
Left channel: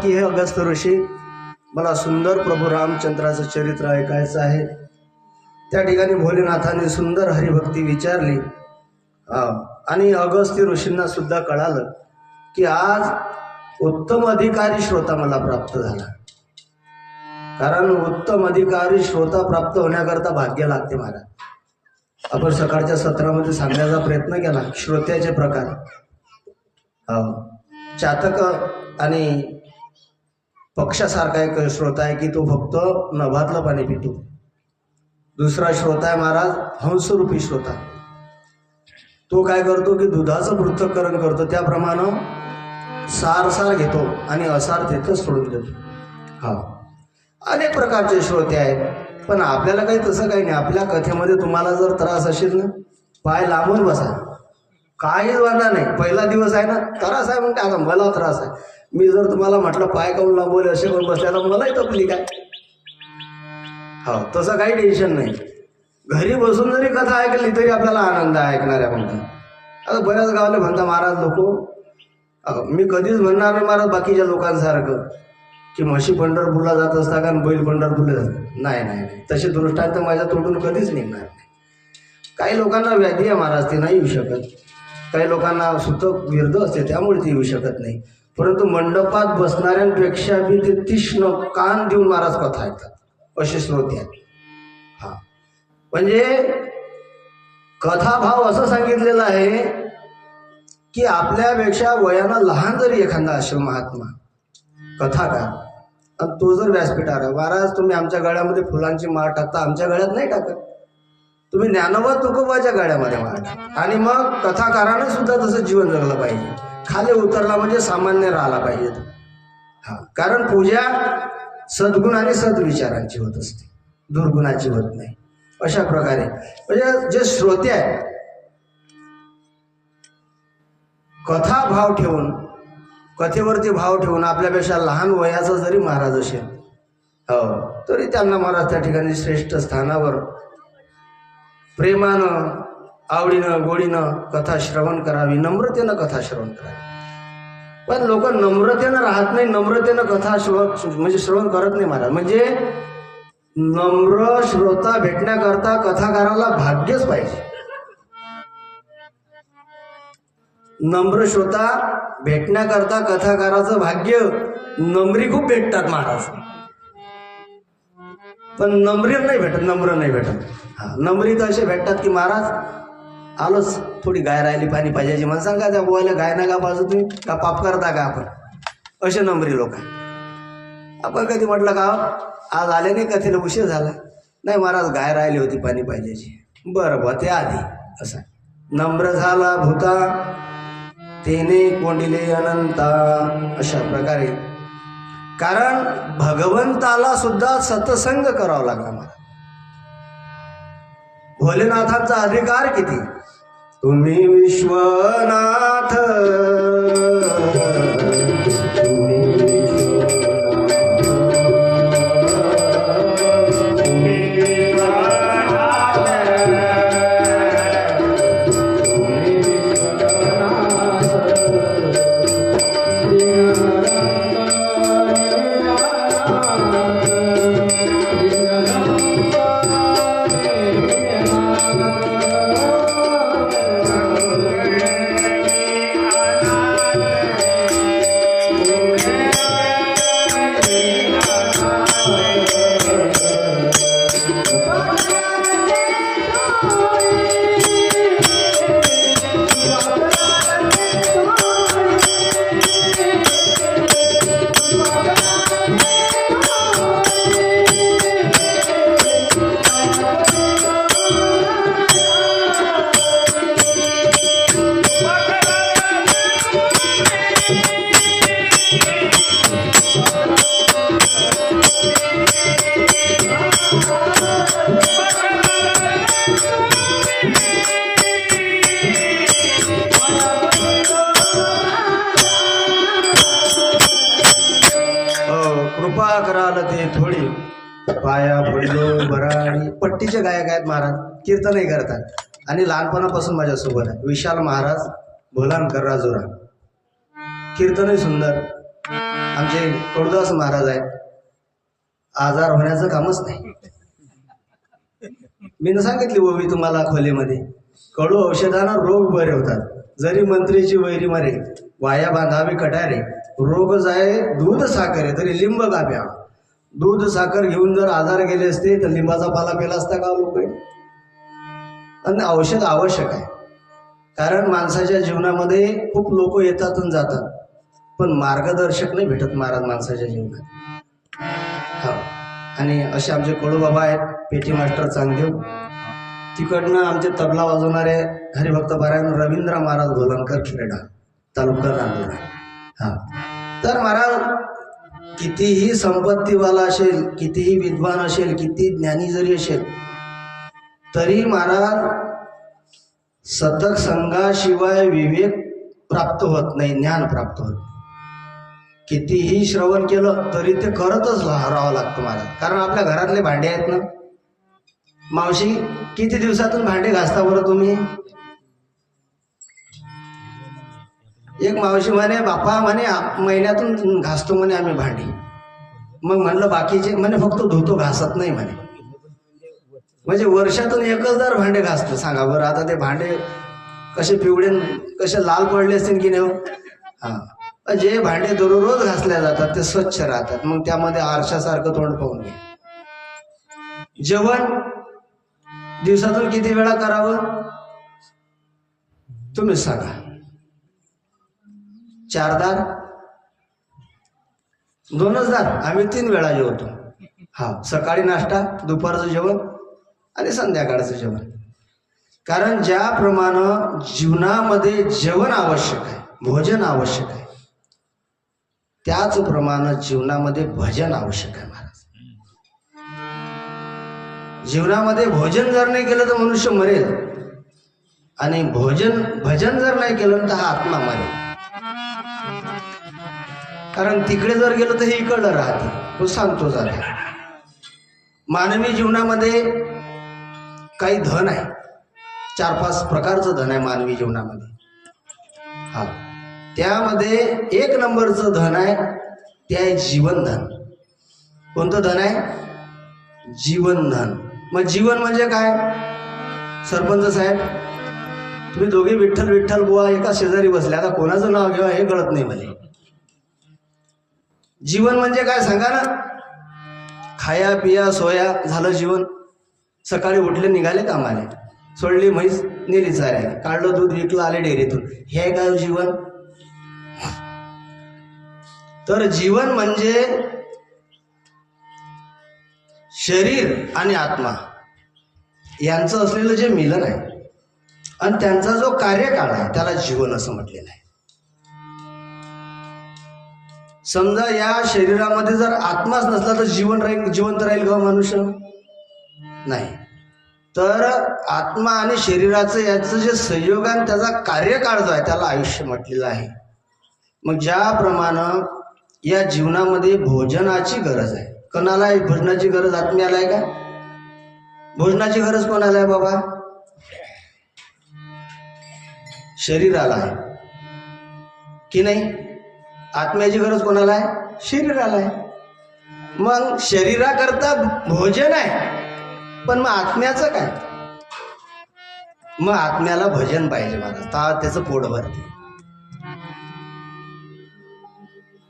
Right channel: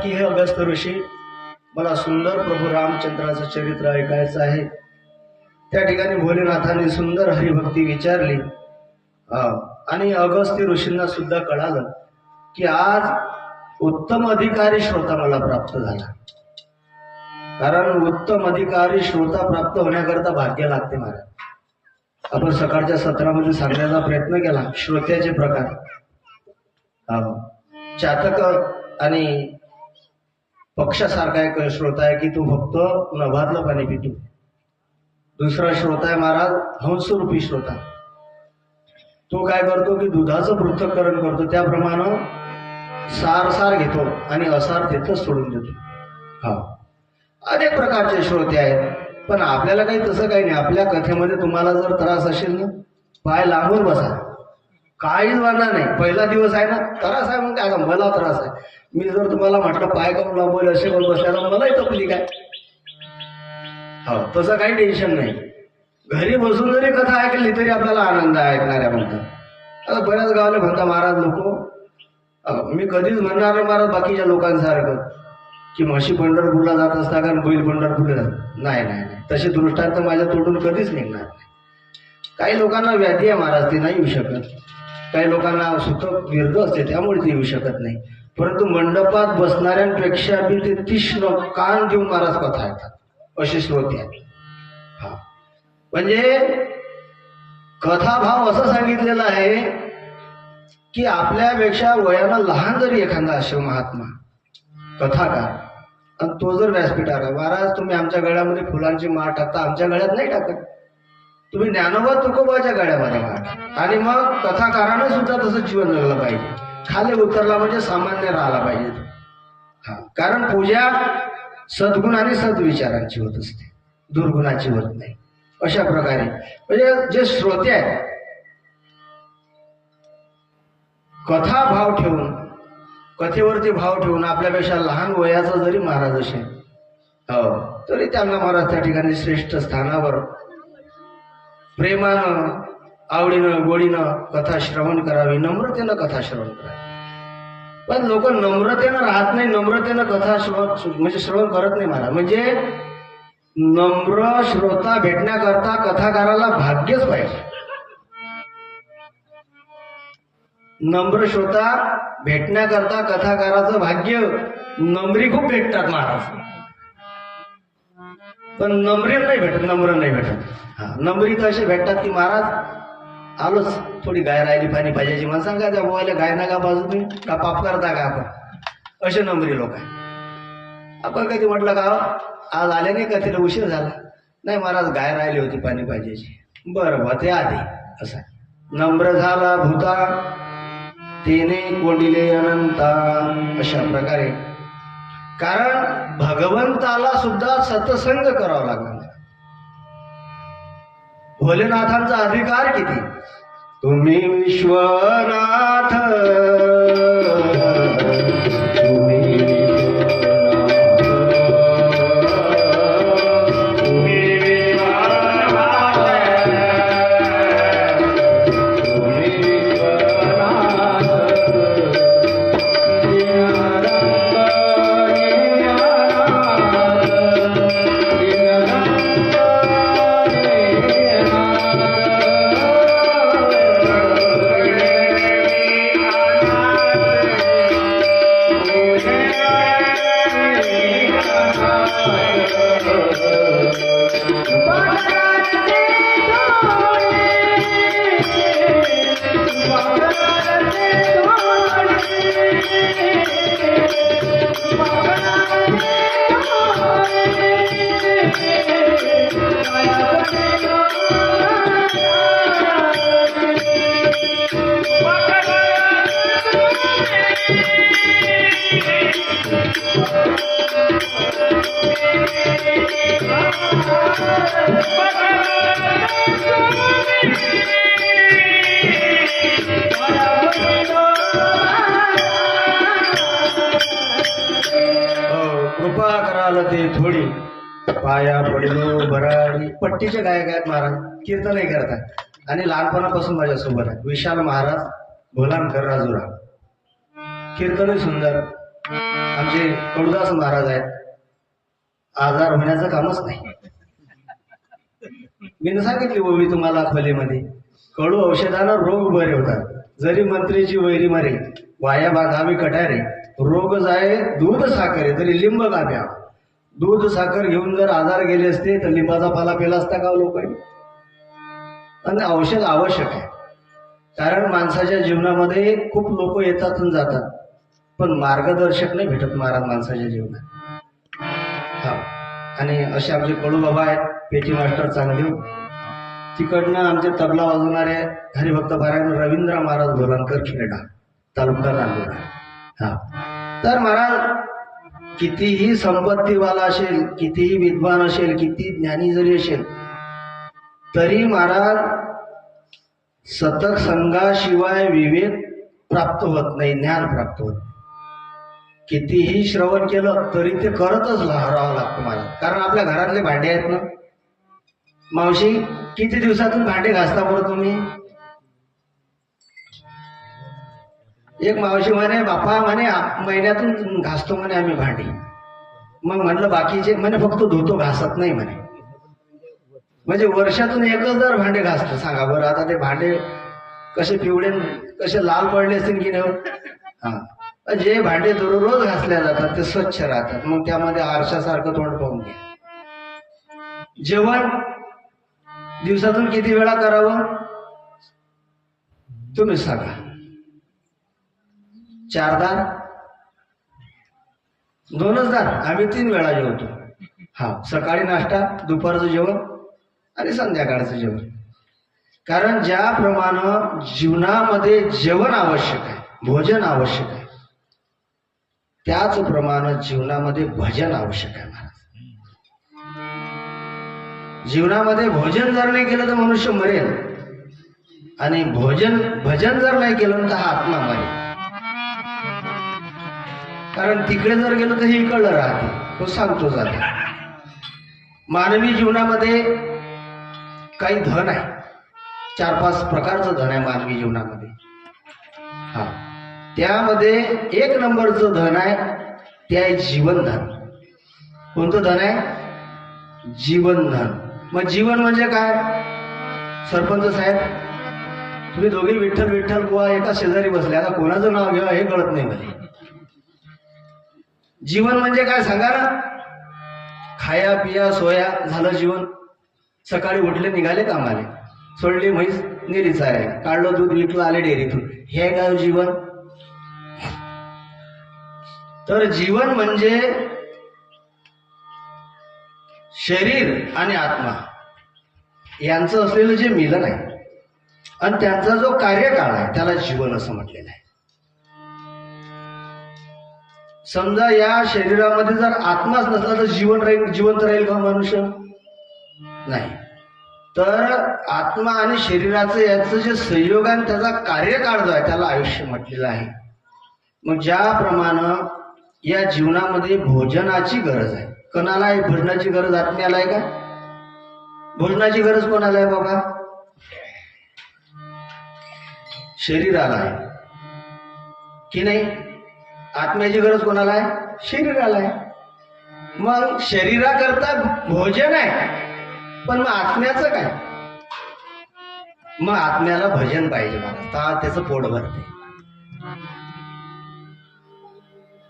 की हे अगस्त्य ऋषी, मला सुंदर प्रभू रामचंद्राचं चरित्र ऐकायचं आहे. त्या ठिकाणी भोलेनाथाने सुंदर हरिभक्ती विचारली आणि अगस्त्य ऋषींना सुद्धा कळालं की आज उत्तम अधिकारी श्रोता मला प्राप्त झाला. कारण उत्तम अधिकारी श्रोता प्राप्त होण्याकरता भाग्य लागते महाराज. आपण सकाळच्या सत्रामध्ये सांगण्याचा प्रयत्न केला श्रोत्याचे प्रकार. चातक आणि पक्षासारखा एक श्रोता आहे की तो फक्त नभातलं पाणी पितो. दुसरा श्रोता आहे महाराज हंसरूपी श्रोता. तो काय करतो की दुधाचं पृथक्करण करतो, त्याप्रमाणे सार घेतो आणि असार तिथंच सोडून देतो. हा, अनेक प्रकारचे श्रोते आहेत. पण आपल्याला काही तसं काही नाही. आपल्या कथेमध्ये तुम्हाला जर त्रास असेल ना, पाय लांबून बसा, काहीच वाढणार नाही. पहिला दिवस आहे ना, त्रास आहे मग काय, मला त्रास आहे. मी जर तुम्हाला म्हटलं पाय काऊन लांबवले असे पण बसल्याला मलाही तकलीफ आहे. हो, तसं काही टेन्शन नाही. घरी बसून जरी कथा ऐकली तरी आपल्याला आनंद आहे ऐकणाऱ्या म्हणतात. आता बऱ्याच गावाला म्हणता महाराज लोक, मी कधीच म्हणणार नाही महाराज बाकीच्या लोकांसारखं की म्हशी पंढरपूरला जात असता का बैल पंढरपूरला जात. नाही नाही नाही, तसे दृष्टांत माझ्या तोडून कधीच निघणार नाही. काही लोकांना व्याधी आहे महाराज, ती नाही येऊ शकत. काही लोकांना सुतक विरध असते त्यामुळे ती येऊ शकत नाही. परंतु मंडपात बसणाऱ्यांपेक्षा बी ते तीक्ष्ण कान देऊन महाराज कथा ऐकतात, असे श्रोते आहेत. हा, म्हणजे कथाभाव असं सांगितलेला आहे की आपल्यापेक्षा वयानं लहान जरी एखादा असेल महात्मा कथाकार, आणि तो जर व्यासपीठावर, महाराज तुम्ही आमच्या गळ्यामध्ये फुलांची माळ टाकता, आमच्या गळ्यात नाही टाकत. तुम्ही ज्ञानोबा तुकोबाच्या गळ्यामध्ये माळ. आणि मग कथाकारानं सुद्धा तसं जीवन जगलं पाहिजे. खाली उतरला म्हणजे सामान्य राहिला पाहिजे. हा, कारण पूजा सद्गुण आणि सद्विचारांची होत असते, दुर्गुणाची होत नाही. अशा प्रकारे म्हणजे जे श्रोते आहेत कथा भाव ठेवून, कथेवरती भाव ठेवून, आपल्यापेक्षा लहान वयाचा जरी महाराज असेल तरी त्यांना महाराज त्या ठिकाणी श्रेष्ठ स्थानावर प्रेमानं, आवडीनं, गोडीनं कथा श्रवण करावी, नम्रतेनं कथा श्रवण करावी. पण लोक नम्रतेनं राहत नाही, नम्रतेनं कथा श्रवण करत नाही महाराज. म्हणजे नम्र श्रोता भेटण्याकरता कथाकाराला भाग्यच पाहिजे. नम्र श्रोता भेटण्याकरता कथाकाराचं भाग्य. नम्री खूप भेटतात महाराज, पण नम्र नाही भेटत. नम्री तर असे भेटतात की महाराज आलोच, थोडी गाय राहिली पाणी पाहिजे, मला सांगा त्या बुवाला गाय नका बाजू, तुम्ही का पाप करता का आपण, असे नम्री लोक आहे. आपण कधी म्हटलं का आज आले नाही, कथेला उशीर झाला, नाही महाराज गाय राहिली होती पाणी पाहिजे, बरं बा ते आधी. असा नम्र झाला भूता तेने कोंडिले अनंता. अशा प्रकारे, कारण भगवंताला सुद्धा सत्संग करावा लागला मला. भोलेनाथांचा अधिकार किती, तुम्ही विश्वनाथ, कृपा कराल ते थोडी पाया पडलो बराडी. पट्टीचे गायक आहेत महाराज, कीर्तनही करतात आणि लहानपणापासून माझ्यासोबत आहे. विशाल महाराज, भोलानकर राजुरा, कीर्तनही सुंदर. आमचे कडुदास महाराज आहेत, आजार होण्याचं कामच नाही. मी सांगितली ओवी तुम्हाला खोलीमध्ये, कडू औषधानं रोग बरे होतात. जरी मंत्रीची वैरी मरे, वाया बांधावी कटारे, रोग जाय दूध साखर तरी लिंब का प्या. दूध साखर घेऊन जर आजार गेले असते तर लिंबाचा पाला पेला असता का लोक. आणि औषध आवश्यक आहे, कारण माणसाच्या जीवनामध्ये खूप लोक येतात आणि जातात, पण मार्गदर्शक नाही भेटत महाराज माणसाच्या जीवनात. हा. आणि असे आमचे कडूबाबा आहेत, पेटी मास्टर चांगदेव. तिकडनं आमचे तबला वाजवणारे हरिभक्त पारायण रवींद्र महाराज गोलनकर खेरडा, तालुका नांदुरा. हा. तर महाराज कितीही संपत्तीवाला असेल, कितीही विद्वान असेल, किती ज्ञानी जरी असेल, तरी महाराज सतत संघाशिवाय विवेक प्राप्त होत नाही, ज्ञान प्राप्त होत. कितीही श्रवण केलं तरी ते करतच राहावं लागतं महाराज. कारण आपल्या घरातले भांडे आहेत ना. मावशी, किती दिवसातून भांडे घासता बरं तुम्ही? एक मावशी म्हणे, बापा म्हणे महिन्यातून घासतो म्हणे आम्ही भांडी. मग म्हणलं बाकीचे? म्हणे फक्त धुतो, घासत नाही म्हणे. म्हणजे वर्षातून एकच जर भांडे घासतो. सांगा बरं आता ते भांडे कसे पिवळे, कसे लाल पडले असतील की नाही? हा. जे भांडे दररोज घासले जातात ते स्वच्छ राहतात. मग त्यामध्ये आरशासारखं तोंड पाहून घ्या. जेवण दिवसातून किती वेळा करावं तुम्ही सांगा? 4 दार? 2च दार? आम्ही 3 वेळा जेवतो. हा. सकाळी नाश्ता, दुपारचं जेवण आणि संध्याकाळचं जेवण. कारण ज्याप्रमाणे जीवनामध्ये जेवण आवश्यक आहे, भोजन आवश्यक आहे, त्याचप्रमाणे जीवनामध्ये भजन आवश्यक आहे महाराज. जीवनामध्ये भोजन जर नाही केलं तर मनुष्य मरेल, आणि भजन जर नाही केलं तर हा आत्मा मरेल. कारण तिकडे जर गेलं तर हे इकडलं राहते. तो सांगतो जाते. मानवी जीवनामध्ये काही धन आहे, 4-5 प्रकारचं धन आहे मानवी जीवनामध्ये. हा. त्यामध्ये 1 नंबरचं धन आहे, ते आहे जीवनधन. कोणतं धन आहे? जीवनधन. मग जीवन म्हणजे काय? सरपंच साहेब, तुम्ही दोघे विठ्ठल विठ्ठल बुवा एका शेजारी बसले, आता कोणाचं नाव घ्यावं हे कळत नाही मला. जीवन म्हणजे काय सांगा ना? खाया पिया सोया झालं जीवन. सकाळी उठले, निघाले कामाले, सोडली म्हैस, नेली चारायला, काढलं दूध, विकलं, आले डेअरीतून. हे काय जीवन? तर जीवन म्हणजे शरीर आणि आत्मा यांचं असलेलं जे मिलन आहे आणि त्यांचा जो कार्यकाळ आहे त्याला जीवन असं म्हटलेलं आहे. समजा या शरीरामध्ये जर आत्माच नसला तर जिवंत राहील का मनुष्य? नाही. तर आत्मा आणि शरीराचं याचं जे संयोग आणि त्याचा कार्यकाळ जो आहे त्याला आयुष्य म्हटलेलं आहे. मग ज्याप्रमाणे या जीवनामध्ये भोजनाची गरज आहे. कोणाला आहे भोजनाची गरज? आत्म्याला आहे का? भोजनाची गरज कोणाला आहे बाबा? शरीराला आहे की नाही? आत्म्याची गरज कोणाला आहे? शरीराला आहे. मग शरीराकरता भोजन आहे, पण मग आत्म्याचं काय? मग आत्म्याला भजन पाहिजे महाराज, त्याचं पोट भरते.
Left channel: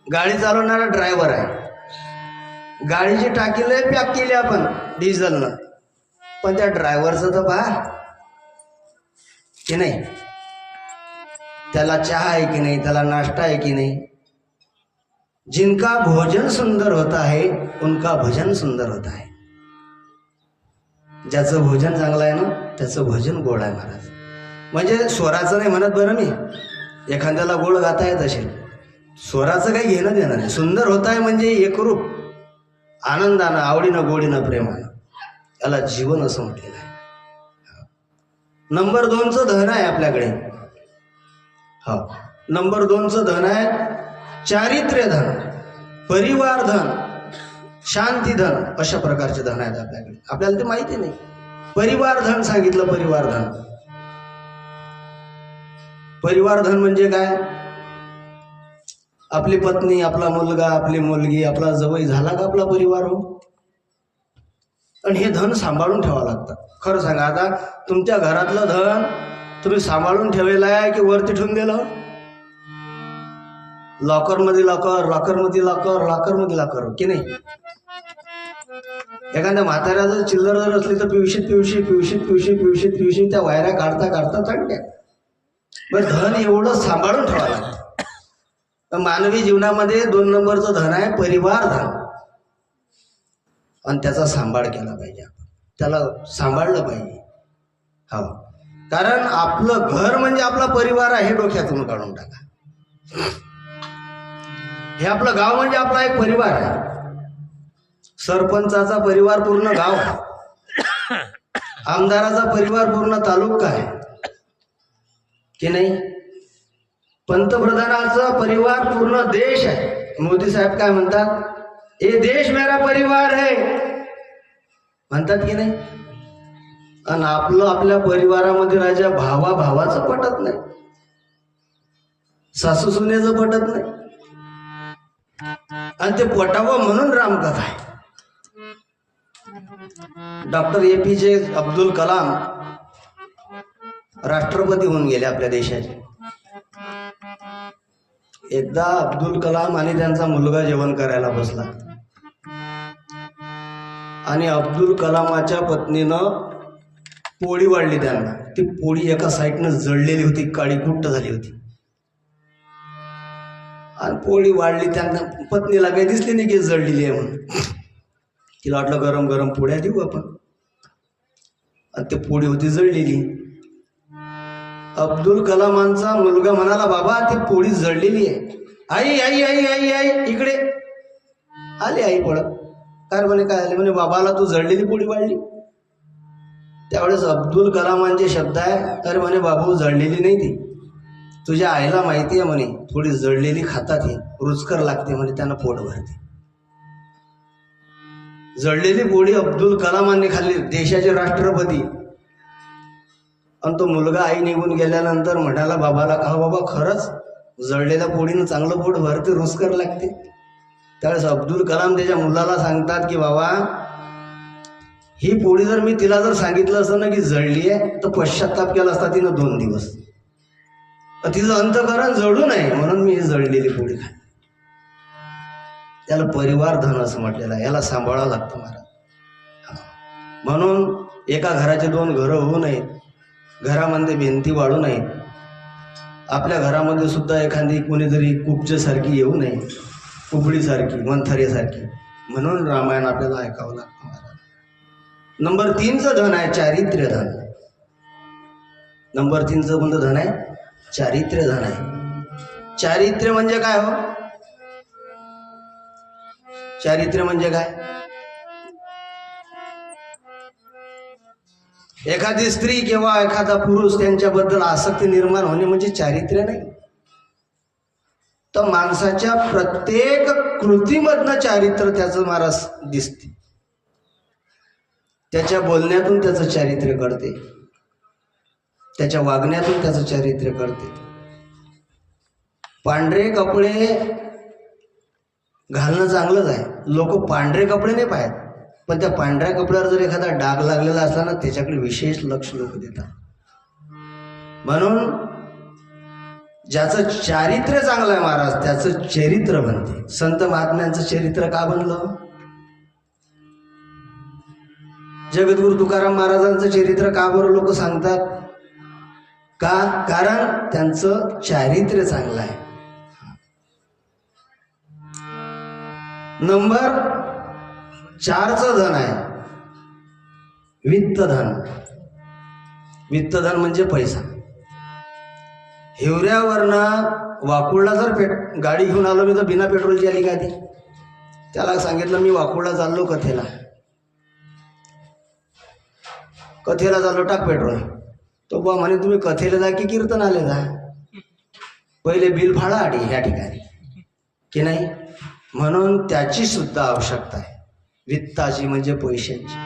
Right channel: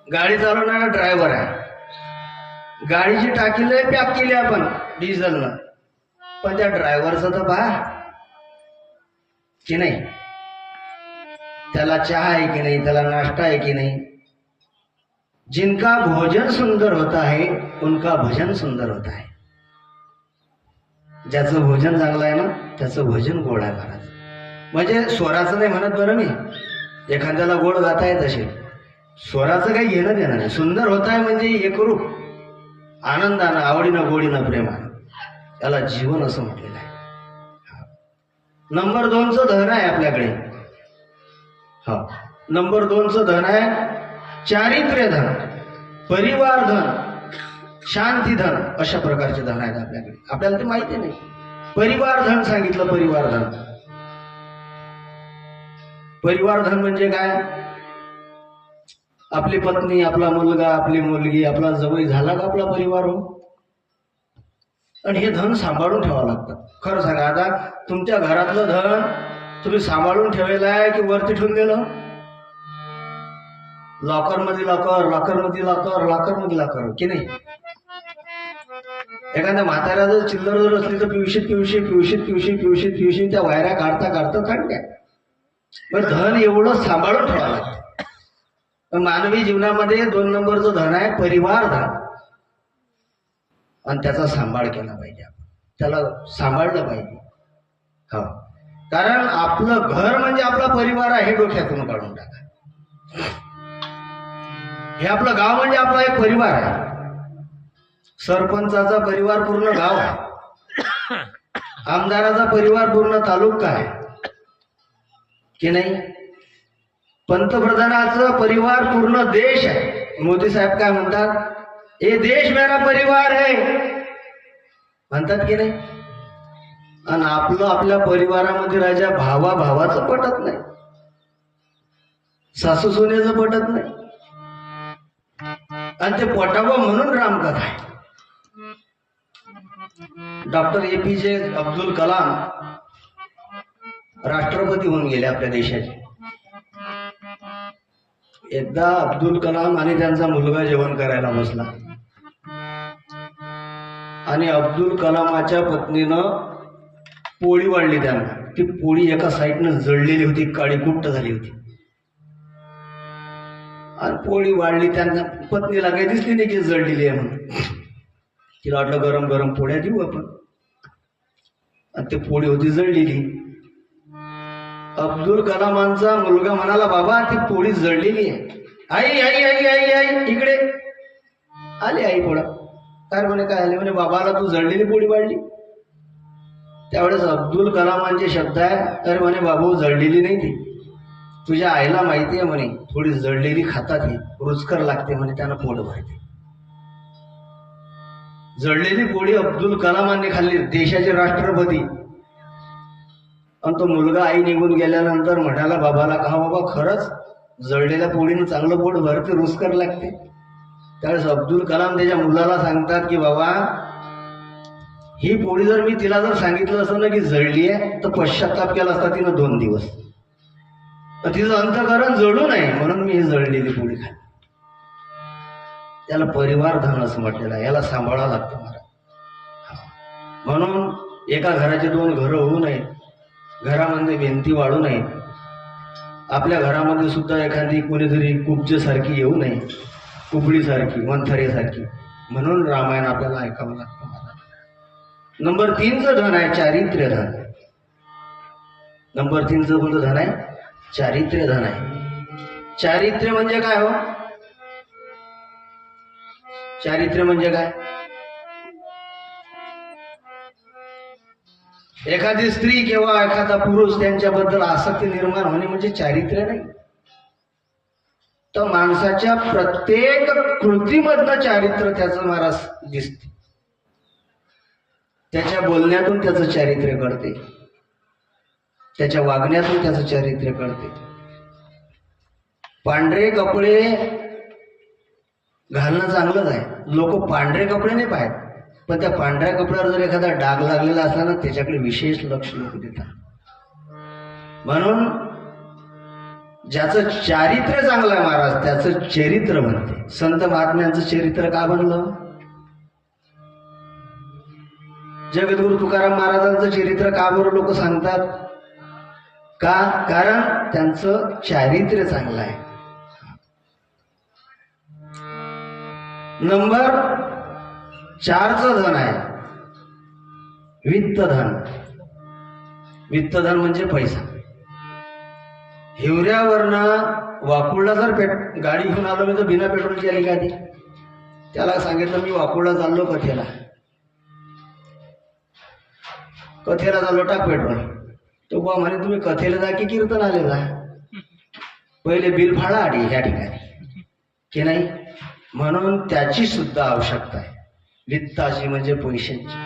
गाडी चालवणारा ड्रायव्हर आहे, गाडीची टाकी लय पॅक केली आपण डिझेलनं, पण त्या ड्रायव्हरचं तर पहा की नाही, त्याला चहा आहे की नाही, त्याला नाश्ता आहे की नाही. जिनका भोजन सुंदर होता है उनका भजन सुंदर होता है. ज्याचं भोजन चांगलं आहे ना त्याचं भजन गोड आहे महाराज. म्हणजे स्वराचं नाही म्हणत बरं मी, एखाद्याला गोड गाता येत असेल, स्वराचं काही घेणं देणं नाही. सुंदर होत आहे म्हणजे एकरूप आनंदानं, आवडीनं, गोडीनं, प्रेमानं, त्याला जीवन असं म्हटलेलं आहे. नंबर 2चं धन आहे आपल्याकडे. हा, नंबर 2चं धन आहे चारित्र्य धन, परिवार धन, शांती धन. अशा प्रकारचे धन आहेत आपल्याकडे. आपल्याला ते माहिती नाही. परिवार धन सांगितलं. परिवार धन, परिवार धन म्हणजे काय? आपली पत्नी, आपला मुलगा, आपली मुलगी, आपला जवळ झाला का आपला परिवार हो. आणि हे धन सांभाळून ठेवावं लागतं. खरं सांगा, आता तुमच्या घरातलं धन तुम्ही सांभाळून ठेवलेलं आहे की वरती ठेवून दिलं? लॉकर मध्ये लॉकर, लॉकर मध्ये लॉकर, लॉकर मध्ये लॉकर की नाही. एखाद्या म्हाताऱ्या जर चिल्लर जर असली तर पिवशीत पिवशी पिवशीत पिवशी पिवशीत पिवशी त्या वायऱ्या काढता काढता थंड. पण धन एवढं सांभाळून ठेवावं लागतं. मानवी जीवनामध्ये 2 नंबरचं धन आहे परिवार धन, आणि त्याचा सांभाळ केला पाहिजे. आपण त्याला सांभाळलं पाहिजे. हो, कारण आपलं घर म्हणजे आपला परिवार आहे, हे डोक्यातून काढून टाका. हे आपलं गाव म्हणजे आपला एक परिवार आहे. सरपंचाचा परिवार पूर्ण गाव आहे, आमदाराचा परिवार पूर्ण तालुका आहे की नाही. पंतप्रधानाचा परिवार पूर्ण देश आहे. मोदी साहेब काय म्हणतात, ये देश मेरा परिवार है म्हणतात की नाही. आणि आपलं आपल्या परिवारामध्ये राजा भावाचं पटत नाही, सासू सुनेचं पटत नाही, आणि ते पटावं म्हणून रामकथा आहे. डॉक्टर APJ अब्दुल कलाम राष्ट्रपती होऊन गेले आपल्या देशाचे. एकदा अब्दुल कलाम आणि त्यांचा मुलगा जेवण करायला बसला, आणि अब्दुल कलामाच्या पत्नीनं पोळी वाढली त्यांना. ती पोळी एका साईडनं जळलेली होती, काळी कुट्ट झाली होती, आणि पोळी वाढली. त्यांना पत्नीला काही दिसली नाही की जळलेली आहे म्हणून. तिला वाटलं गरम गरम पोळ्या देऊ आपण, आणि ती पोळी होती जळलेली. अब्दुल कलामांचा मुलगा म्हणाला, बाबा ती पोळी जळलेली आहे. आई आई आई आई आई इकडे आली. आई पडत काय म्हणे, काय आले म्हणे, बाबाला तू जळलेली पोळी वाढली. त्यावेळेस अब्दुल कलामांचे शब्द आहे, अरे म्हणे बाबू जळलेली नाही ती, तुझ्या आईला माहिती आहे म्हणे, थोडी जळलेली खातात हे रुचकर लागते म्हणे, त्यांना पोट भरते. जळलेली पोळी अब्दुल कलामांनी खाल्ली, देशाचे राष्ट्रपती. आणि तो मुलगा आई निघून गेल्यानंतर म्हणाला बाबाला, का बाबा खरंच जळलेल्या पोळीनं चांगलं पोट भरते, रुचकर लागते. त्यावेळेस अब्दुल कलाम त्याच्या मुलाला सांगतात की बाबा, ही पोळी जर मी तिला जर सांगितलं असतं ना की जळली आहे, तर पश्चाताप केला असता तिनं 2 दिवस. तिचं अंतःकरण जळू नये म्हणून मी ही जळलेली पोळी खाल्ली. त्याला परिवार धन असं म्हटलेलं आहे. याला सांभाळावं लागतं मला. म्हणून एका घराचे 2 घरं होऊ नयेत, घरामध्ये भिंती वाढू नयेत, आपल्या घरामध्ये सुद्धा एखादी कोणीतरी कुब्जसारखी येऊ नये, कुबडीसारखी, मंथरेसारखी. म्हणून रामायण आपल्याला ऐकावं लागतं मला. नंबर 3चं धन आहे चारित्र्य धन. नंबर 3चं कोणतं धन आहे? चारित्र्य धन आहे. चारित्र्य म्हणजे काय हो? चारित्र्य म्हणजे काय? एखादी स्त्री किंवा एखादा पुरुष त्यांच्याबद्दल आसक्ती निर्माण होणे म्हणजे चारित्र्य नाही. तर माणसाच्या प्रत्येक कृतीमधनं चारित्र्य त्याचं महाराज दिसते. त्याच्या बोलण्यातून त्याचं चारित्र्य कळते, त्याच्या वागण्यातून त्याचं चारित्र्य कळते. पांढरे कपडे घालणं चांगलंच आहे, लोक पांढरे कपडे नाही पाहत, पण त्या पांढऱ्या कपड्यावर जर एखादा डाग लागलेला असला ना त्याच्याकडे विशेष लक्ष लोक देतात. म्हणून ज्याचं चारित्र्य चांगलं आहे महाराज त्याचं चरित्र बनते. संत महात्म्यांचं चरित्र का बनलं? जगद्गुरु तुकाराम महाराजांचं चरित्र का बरं लोक सांगतात? का? कारण त्यांचं चारित्र्य चांगलं आहे. नंबर 4चं धन आहे वित्त धन. वित्त धन म्हणजे पैसा. हिवऱ्यावरनं वाकुळला जर गाडी घेऊन आलो मी तर बिना पेट्रोलची आली गाडी. त्याला सांगितलं मी वाकुळला चाललो कथेला चाललो, टाक पेट्रोल. तो बा म्हणे तुम्ही कथेला जा की कीर्तनाला जा, पहिले बिल फाडा आधी ह्या ठिकाणी की नाही. म्हणून त्याची सुद्धा आवश्यकता आहे वित्ताची म्हणजे पैशांची.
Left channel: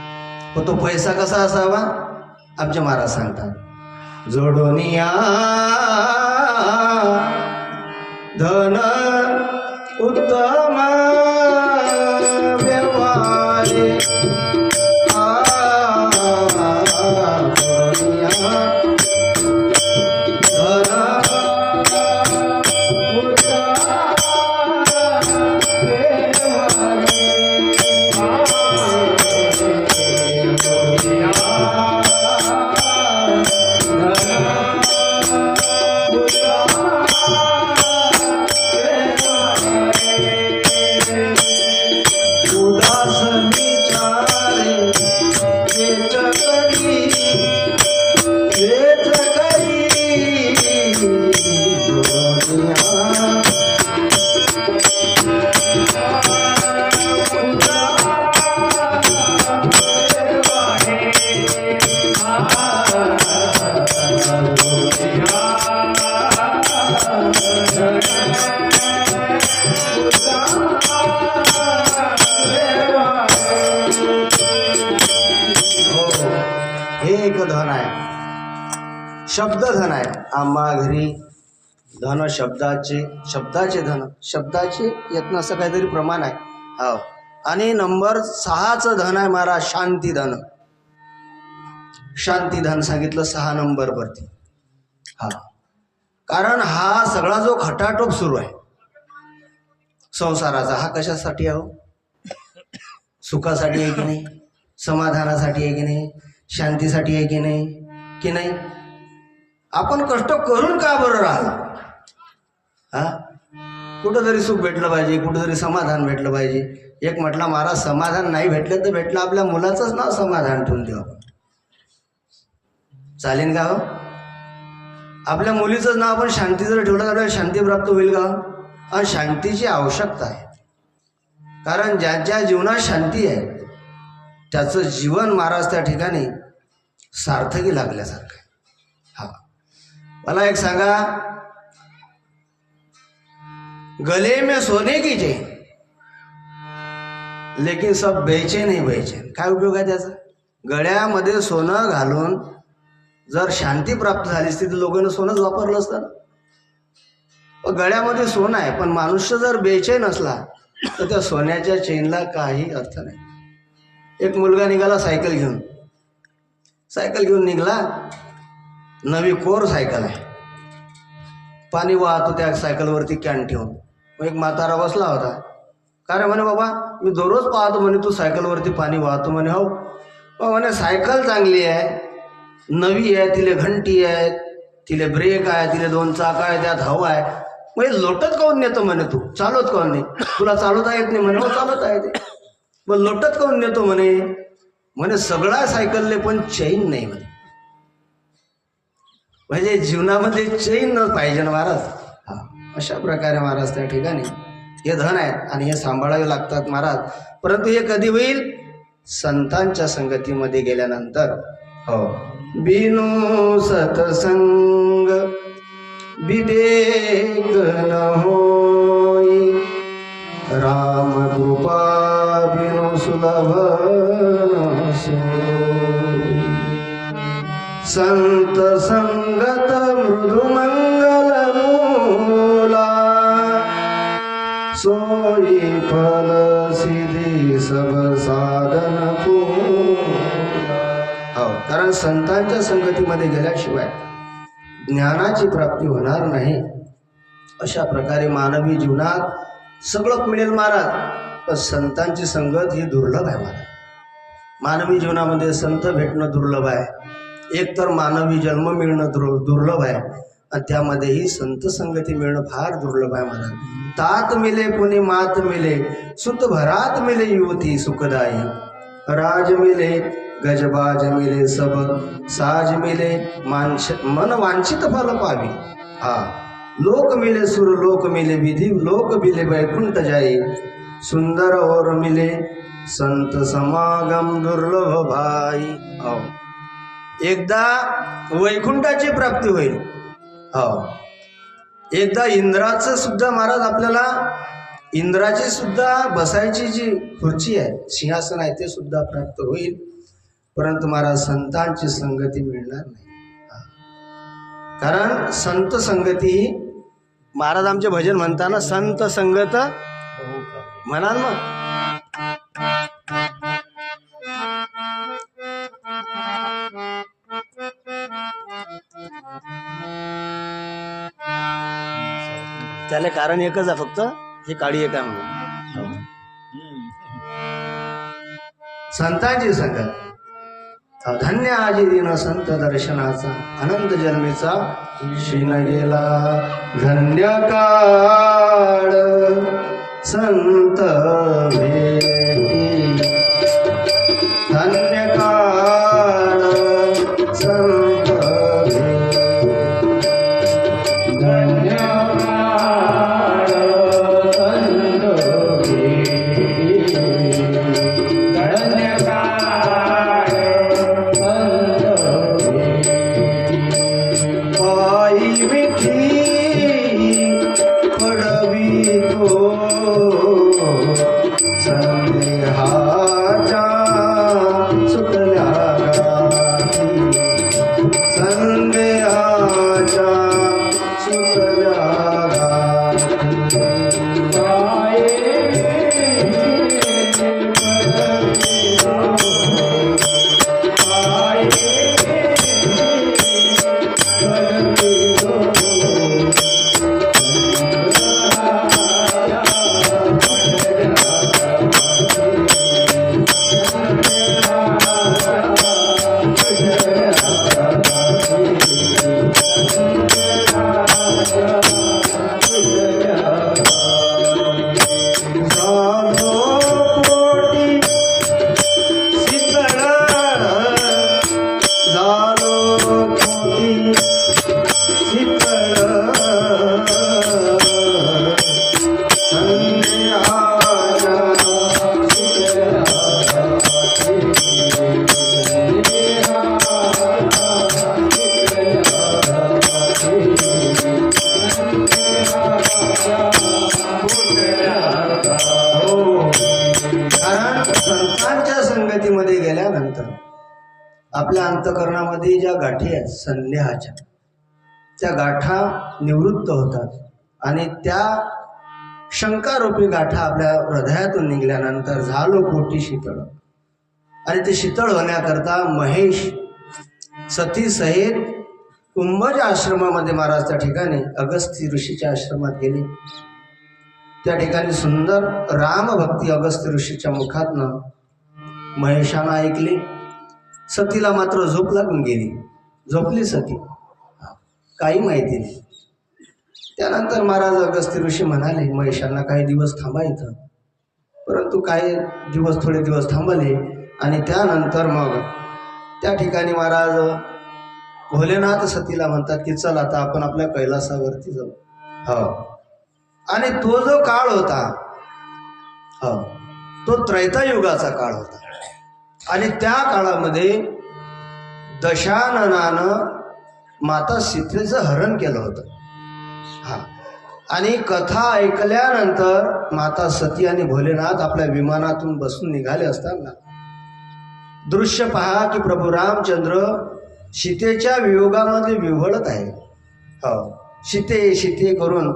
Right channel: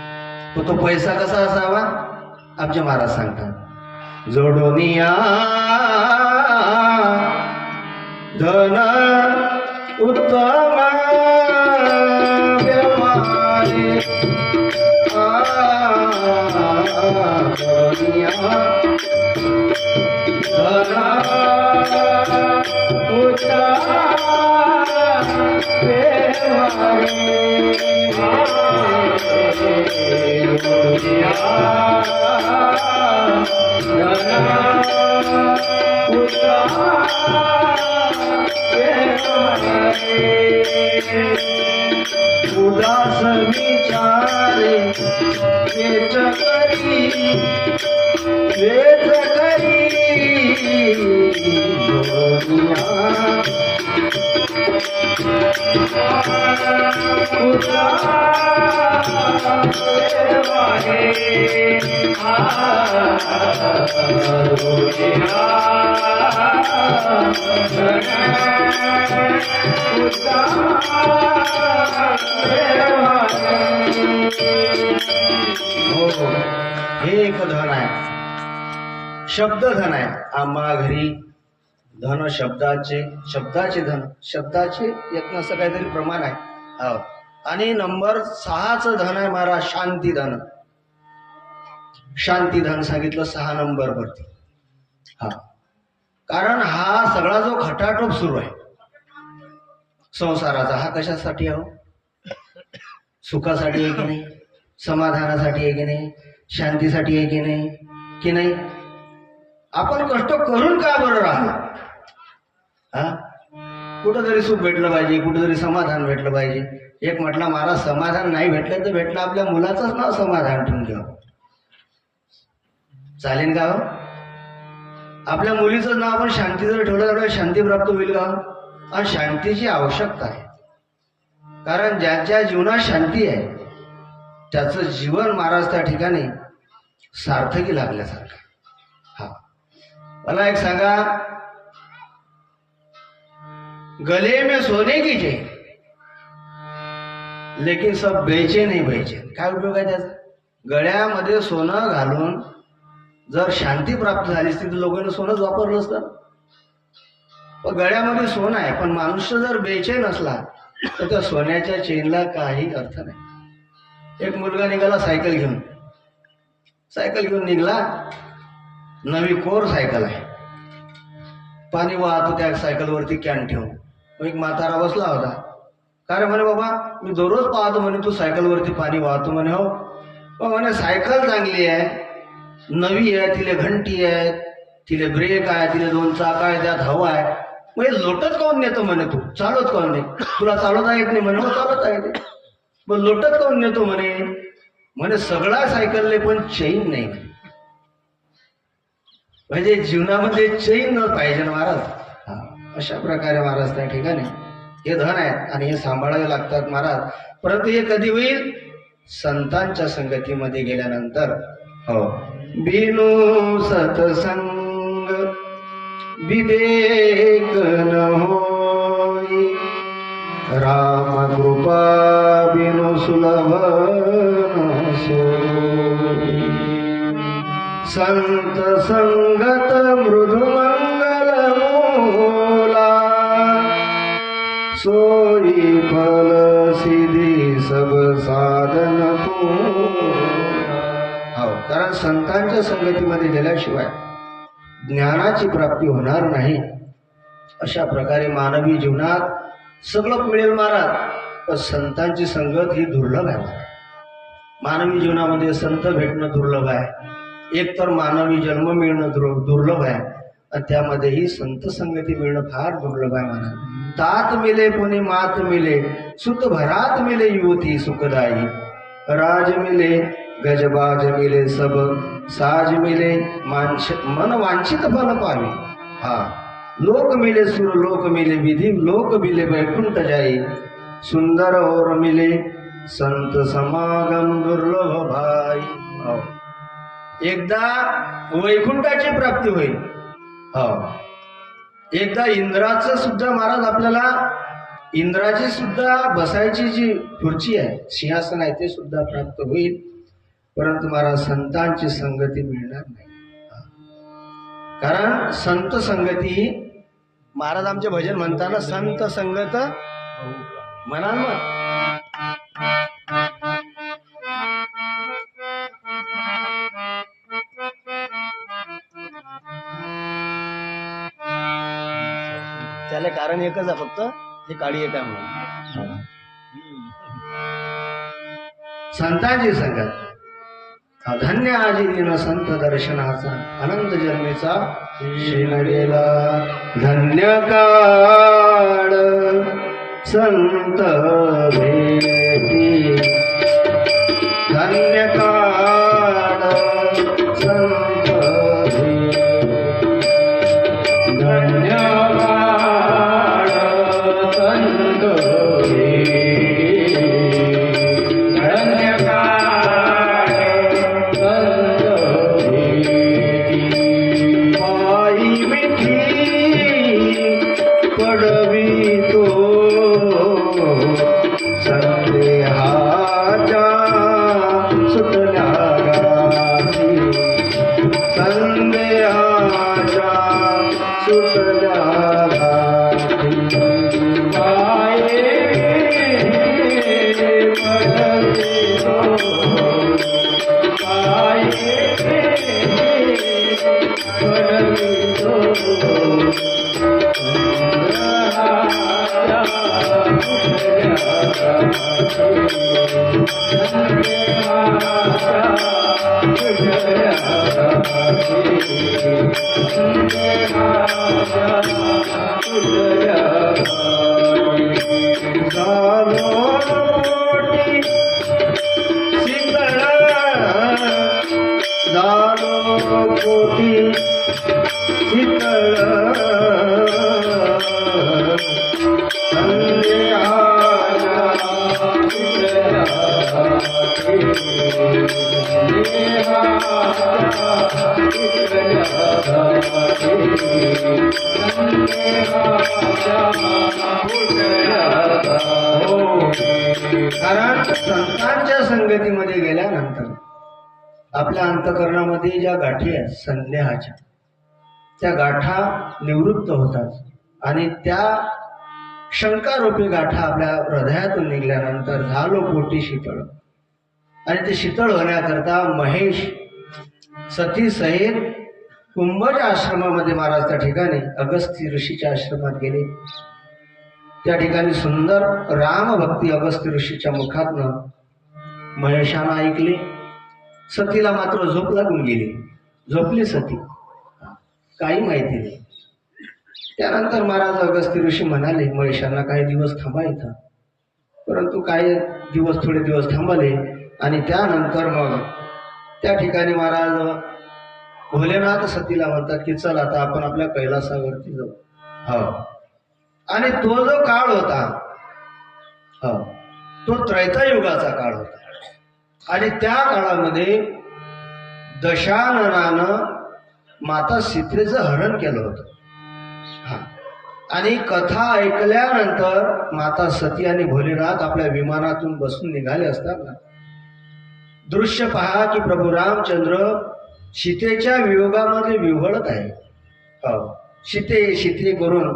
पण तो पैसा कसा असावा? आमचे महाराज सांगतात जोडोनिया धन उत्तम व्यवहारे हे एक धन आहे, शब्द धन आहे. आम्हा घरी धन शब्दाचे धन, शब्दाचे यातनं असं काहीतरी प्रमाण आहे. हो. आणि नंबर 6चं धन आहे महाराज शांती धन. शांती धन सांगितलं 6 नंबर वरती. हा, कारण हा सगळा जो खटाटोप सुरू आहे संसाराचा, हा कशासाठी आहे? सुखासाठी आहे की नाही? समाधानासाठी आहे की नाही? शांतीसाठी आहे की नाही? की नाही? आपण कष्ट करून का बरं राहिलो? हा, कुठंतरी सुख भेटलं पाहिजे, कुठंतरी समाधान भेटलं पाहिजे. एक म्हटलं महाराज, समाधान नाही भेटलं तर भेटलं आपल्या मुलाचंच नाव समाधान ठेवून देऊ. चालेल का? आपल्या मुलीचं नाव आपण शांती जर ठेवलं तर शांती प्राप्त होईल का? आणि शांतीची आवश्यकता आहे. कारण ज्या ज्या जीवनात शांती आहे त्याचं जीवन महाराज त्या ठिकाणी सार्थकी लागल्यासारखं. हा, मला एक सांगा, गले में सोने की चैन लेकिन सब बेचैन नहीं बेचैन. काय उपयोग आहे त्याचा? गळ्यामध्ये सोनं घालून जर शांती प्राप्त झाली असती तर लोकांनी सोनंच वापरलं असतं. गळ्यामध्ये सोनं आहे पण मनुष्य जर बेचैन असला तर त्या सोन्याच्या चेनला काही अर्थ नाही. एक मुलगा निघाला सायकल घेऊन निघाला. नवी कोर सायकल आहे. पाणी वाहतो त्या सायकलवरती कॅन ठेवून. एक म्हातारा बसला होता. का रे म्हणे, बाबा मी दररोज पाहतो म्हणे तू सायकलवरती पाणी वाहतो म्हणे. हो म्हणे, सायकल चांगली आहे, नवी आहे, तिले घंटी आहे, तिले ब्रेक आहे, तिले 2 चाक आहे, त्यात हवा आहे. म्हणजे लोटत काऊन नेतो म्हणे, तू चालवत काऊन नाही? तुला चालवता येत नाही म्हणे. हो चालवता येते. मग लोटत काऊन नेतो म्हणे सगळा सायकलले पण चैन नाही म्हणे. म्हणजे जीवनामध्ये चैन न पाहिजे महाराज. अशा प्रकारे महाराज त्या ठिकाणी हे धन आहेत आणि हे सांभाळावे लागतात महाराज. परंतु हे कधी होईल? संतांच्या संगतीमध्ये गेल्यानंतर. हो, बिनु सतसंग विवेक न होई, राम कृपा बिनु सुलभ न सोई. संत संगत मृदु मंगल मूला, सोई फल सिद्धी सब साधन पूर्णा. हो, कारण संतांच्या संगतीमध्ये गेल्याशिवाय ज्ञानाची प्राप्ती होणार नाही. अशा प्रकारे मानवी जीवनात सगळं मिळेल महाराज, पण संतांची संगत ही दुर्लभ आहे महाराज. मानवी जीवनामध्ये संत भेटणं दुर्लभ आहे. एक तर मानवी जन्म मिळणं दुर्लभ आहे आणि त्यामध्येही संत संगती मिळणं फार दुर्लभ आहे महाराज. तात मिले पुनि मात मिले, सुत भरात मिले युवती सुखदाई. राज मिले गजबाज मिले, सब साज मिले मन वांछित फल पावी. हा, लोक मिले सुर लोक मिले, विधि लोक मिले वैकुंठ जाई. सुंदर और मिले संत समागम दुर्लभ भाई. हो, एकदा वैकुंठाची प्राप्ती होईल. हो, एकदा इंद्राचं सुद्धा महाराज आपल्याला, इंद्राची सुद्धा बसायची जी खुर्ची आहे, सिंहासन आहे, ते सुद्धा प्राप्त होईल. परंतु महाराज संतांची संगती मिळणार नाही. कारण संत संगती, महाराज आमचे भजन म्हणताना संत संगत म्हणाल ना. त्याला कारण एकच आहे फक्त, हे काळी एक आहे म्हणून. संतांची संगत धन्य आजी दिन संत दर्शनाचा, अनंत जन्मेचा शील गेला. धन्य काळ संत भेटी, धन्य काळ संत भेटी, धन्य काळ संत भेटी. संदेहाच्या सुटल्या गाठी, संदेहाच्या सुटल्या गाठी. कारण संतांच्या संगतीमध्ये गेल्यानंतर आपल्या अंतःकरणामध्ये ज्या गाठी आहेत संदेहाच्या, त्या गाठा निवृत्त होतात आणि त्या शंकारूपी गाठा आपल्या हृदयातून निघाल्यानंतर झालो पोटी शीतळ. आणि ते शीतळ होण्याकरता महेश सती सहित कुंभज आश्रमामध्ये महाराज त्या ठिकाणी अगस्त्य ऋषीच्या आश्रमात गेले. त्या ठिकाणी सुंदर रामभक्ती अगस्त्य ऋषीच्या मुखातनं महेशानं ऐकले. सतीला मात्र झोप लागून गेली. झोपली सती, काही माहिती नाही. त्यानंतर महाराज अगस्त्य ऋषी म्हणाले महेशांना काही दिवस थांबा इथं. परंतु काही दिवस थोडे दिवस थांबले आणि त्यानंतर मग त्या ठिकाणी महाराज भोलेनाथ सतीला म्हणतात की चल आता आपण आपल्या कैलासावरती जाऊ. हो, आणि तो जो काळ होता हो तो त्रैतायुगाचा काळ होता. आणि त्या काळामध्ये दशाननानं माता सीतेचं हरण केलं होतं. हा, आणि कथा ऐकल्यानंतर माता सती आणि भोलेनाथ आपल्या विमानातून बसून निघाले असताना दृश्य पहा की प्रभू रामचंद्र सीतेच्या वियोगामध्ये विव्हळत आहे. हो, सीते सीते करून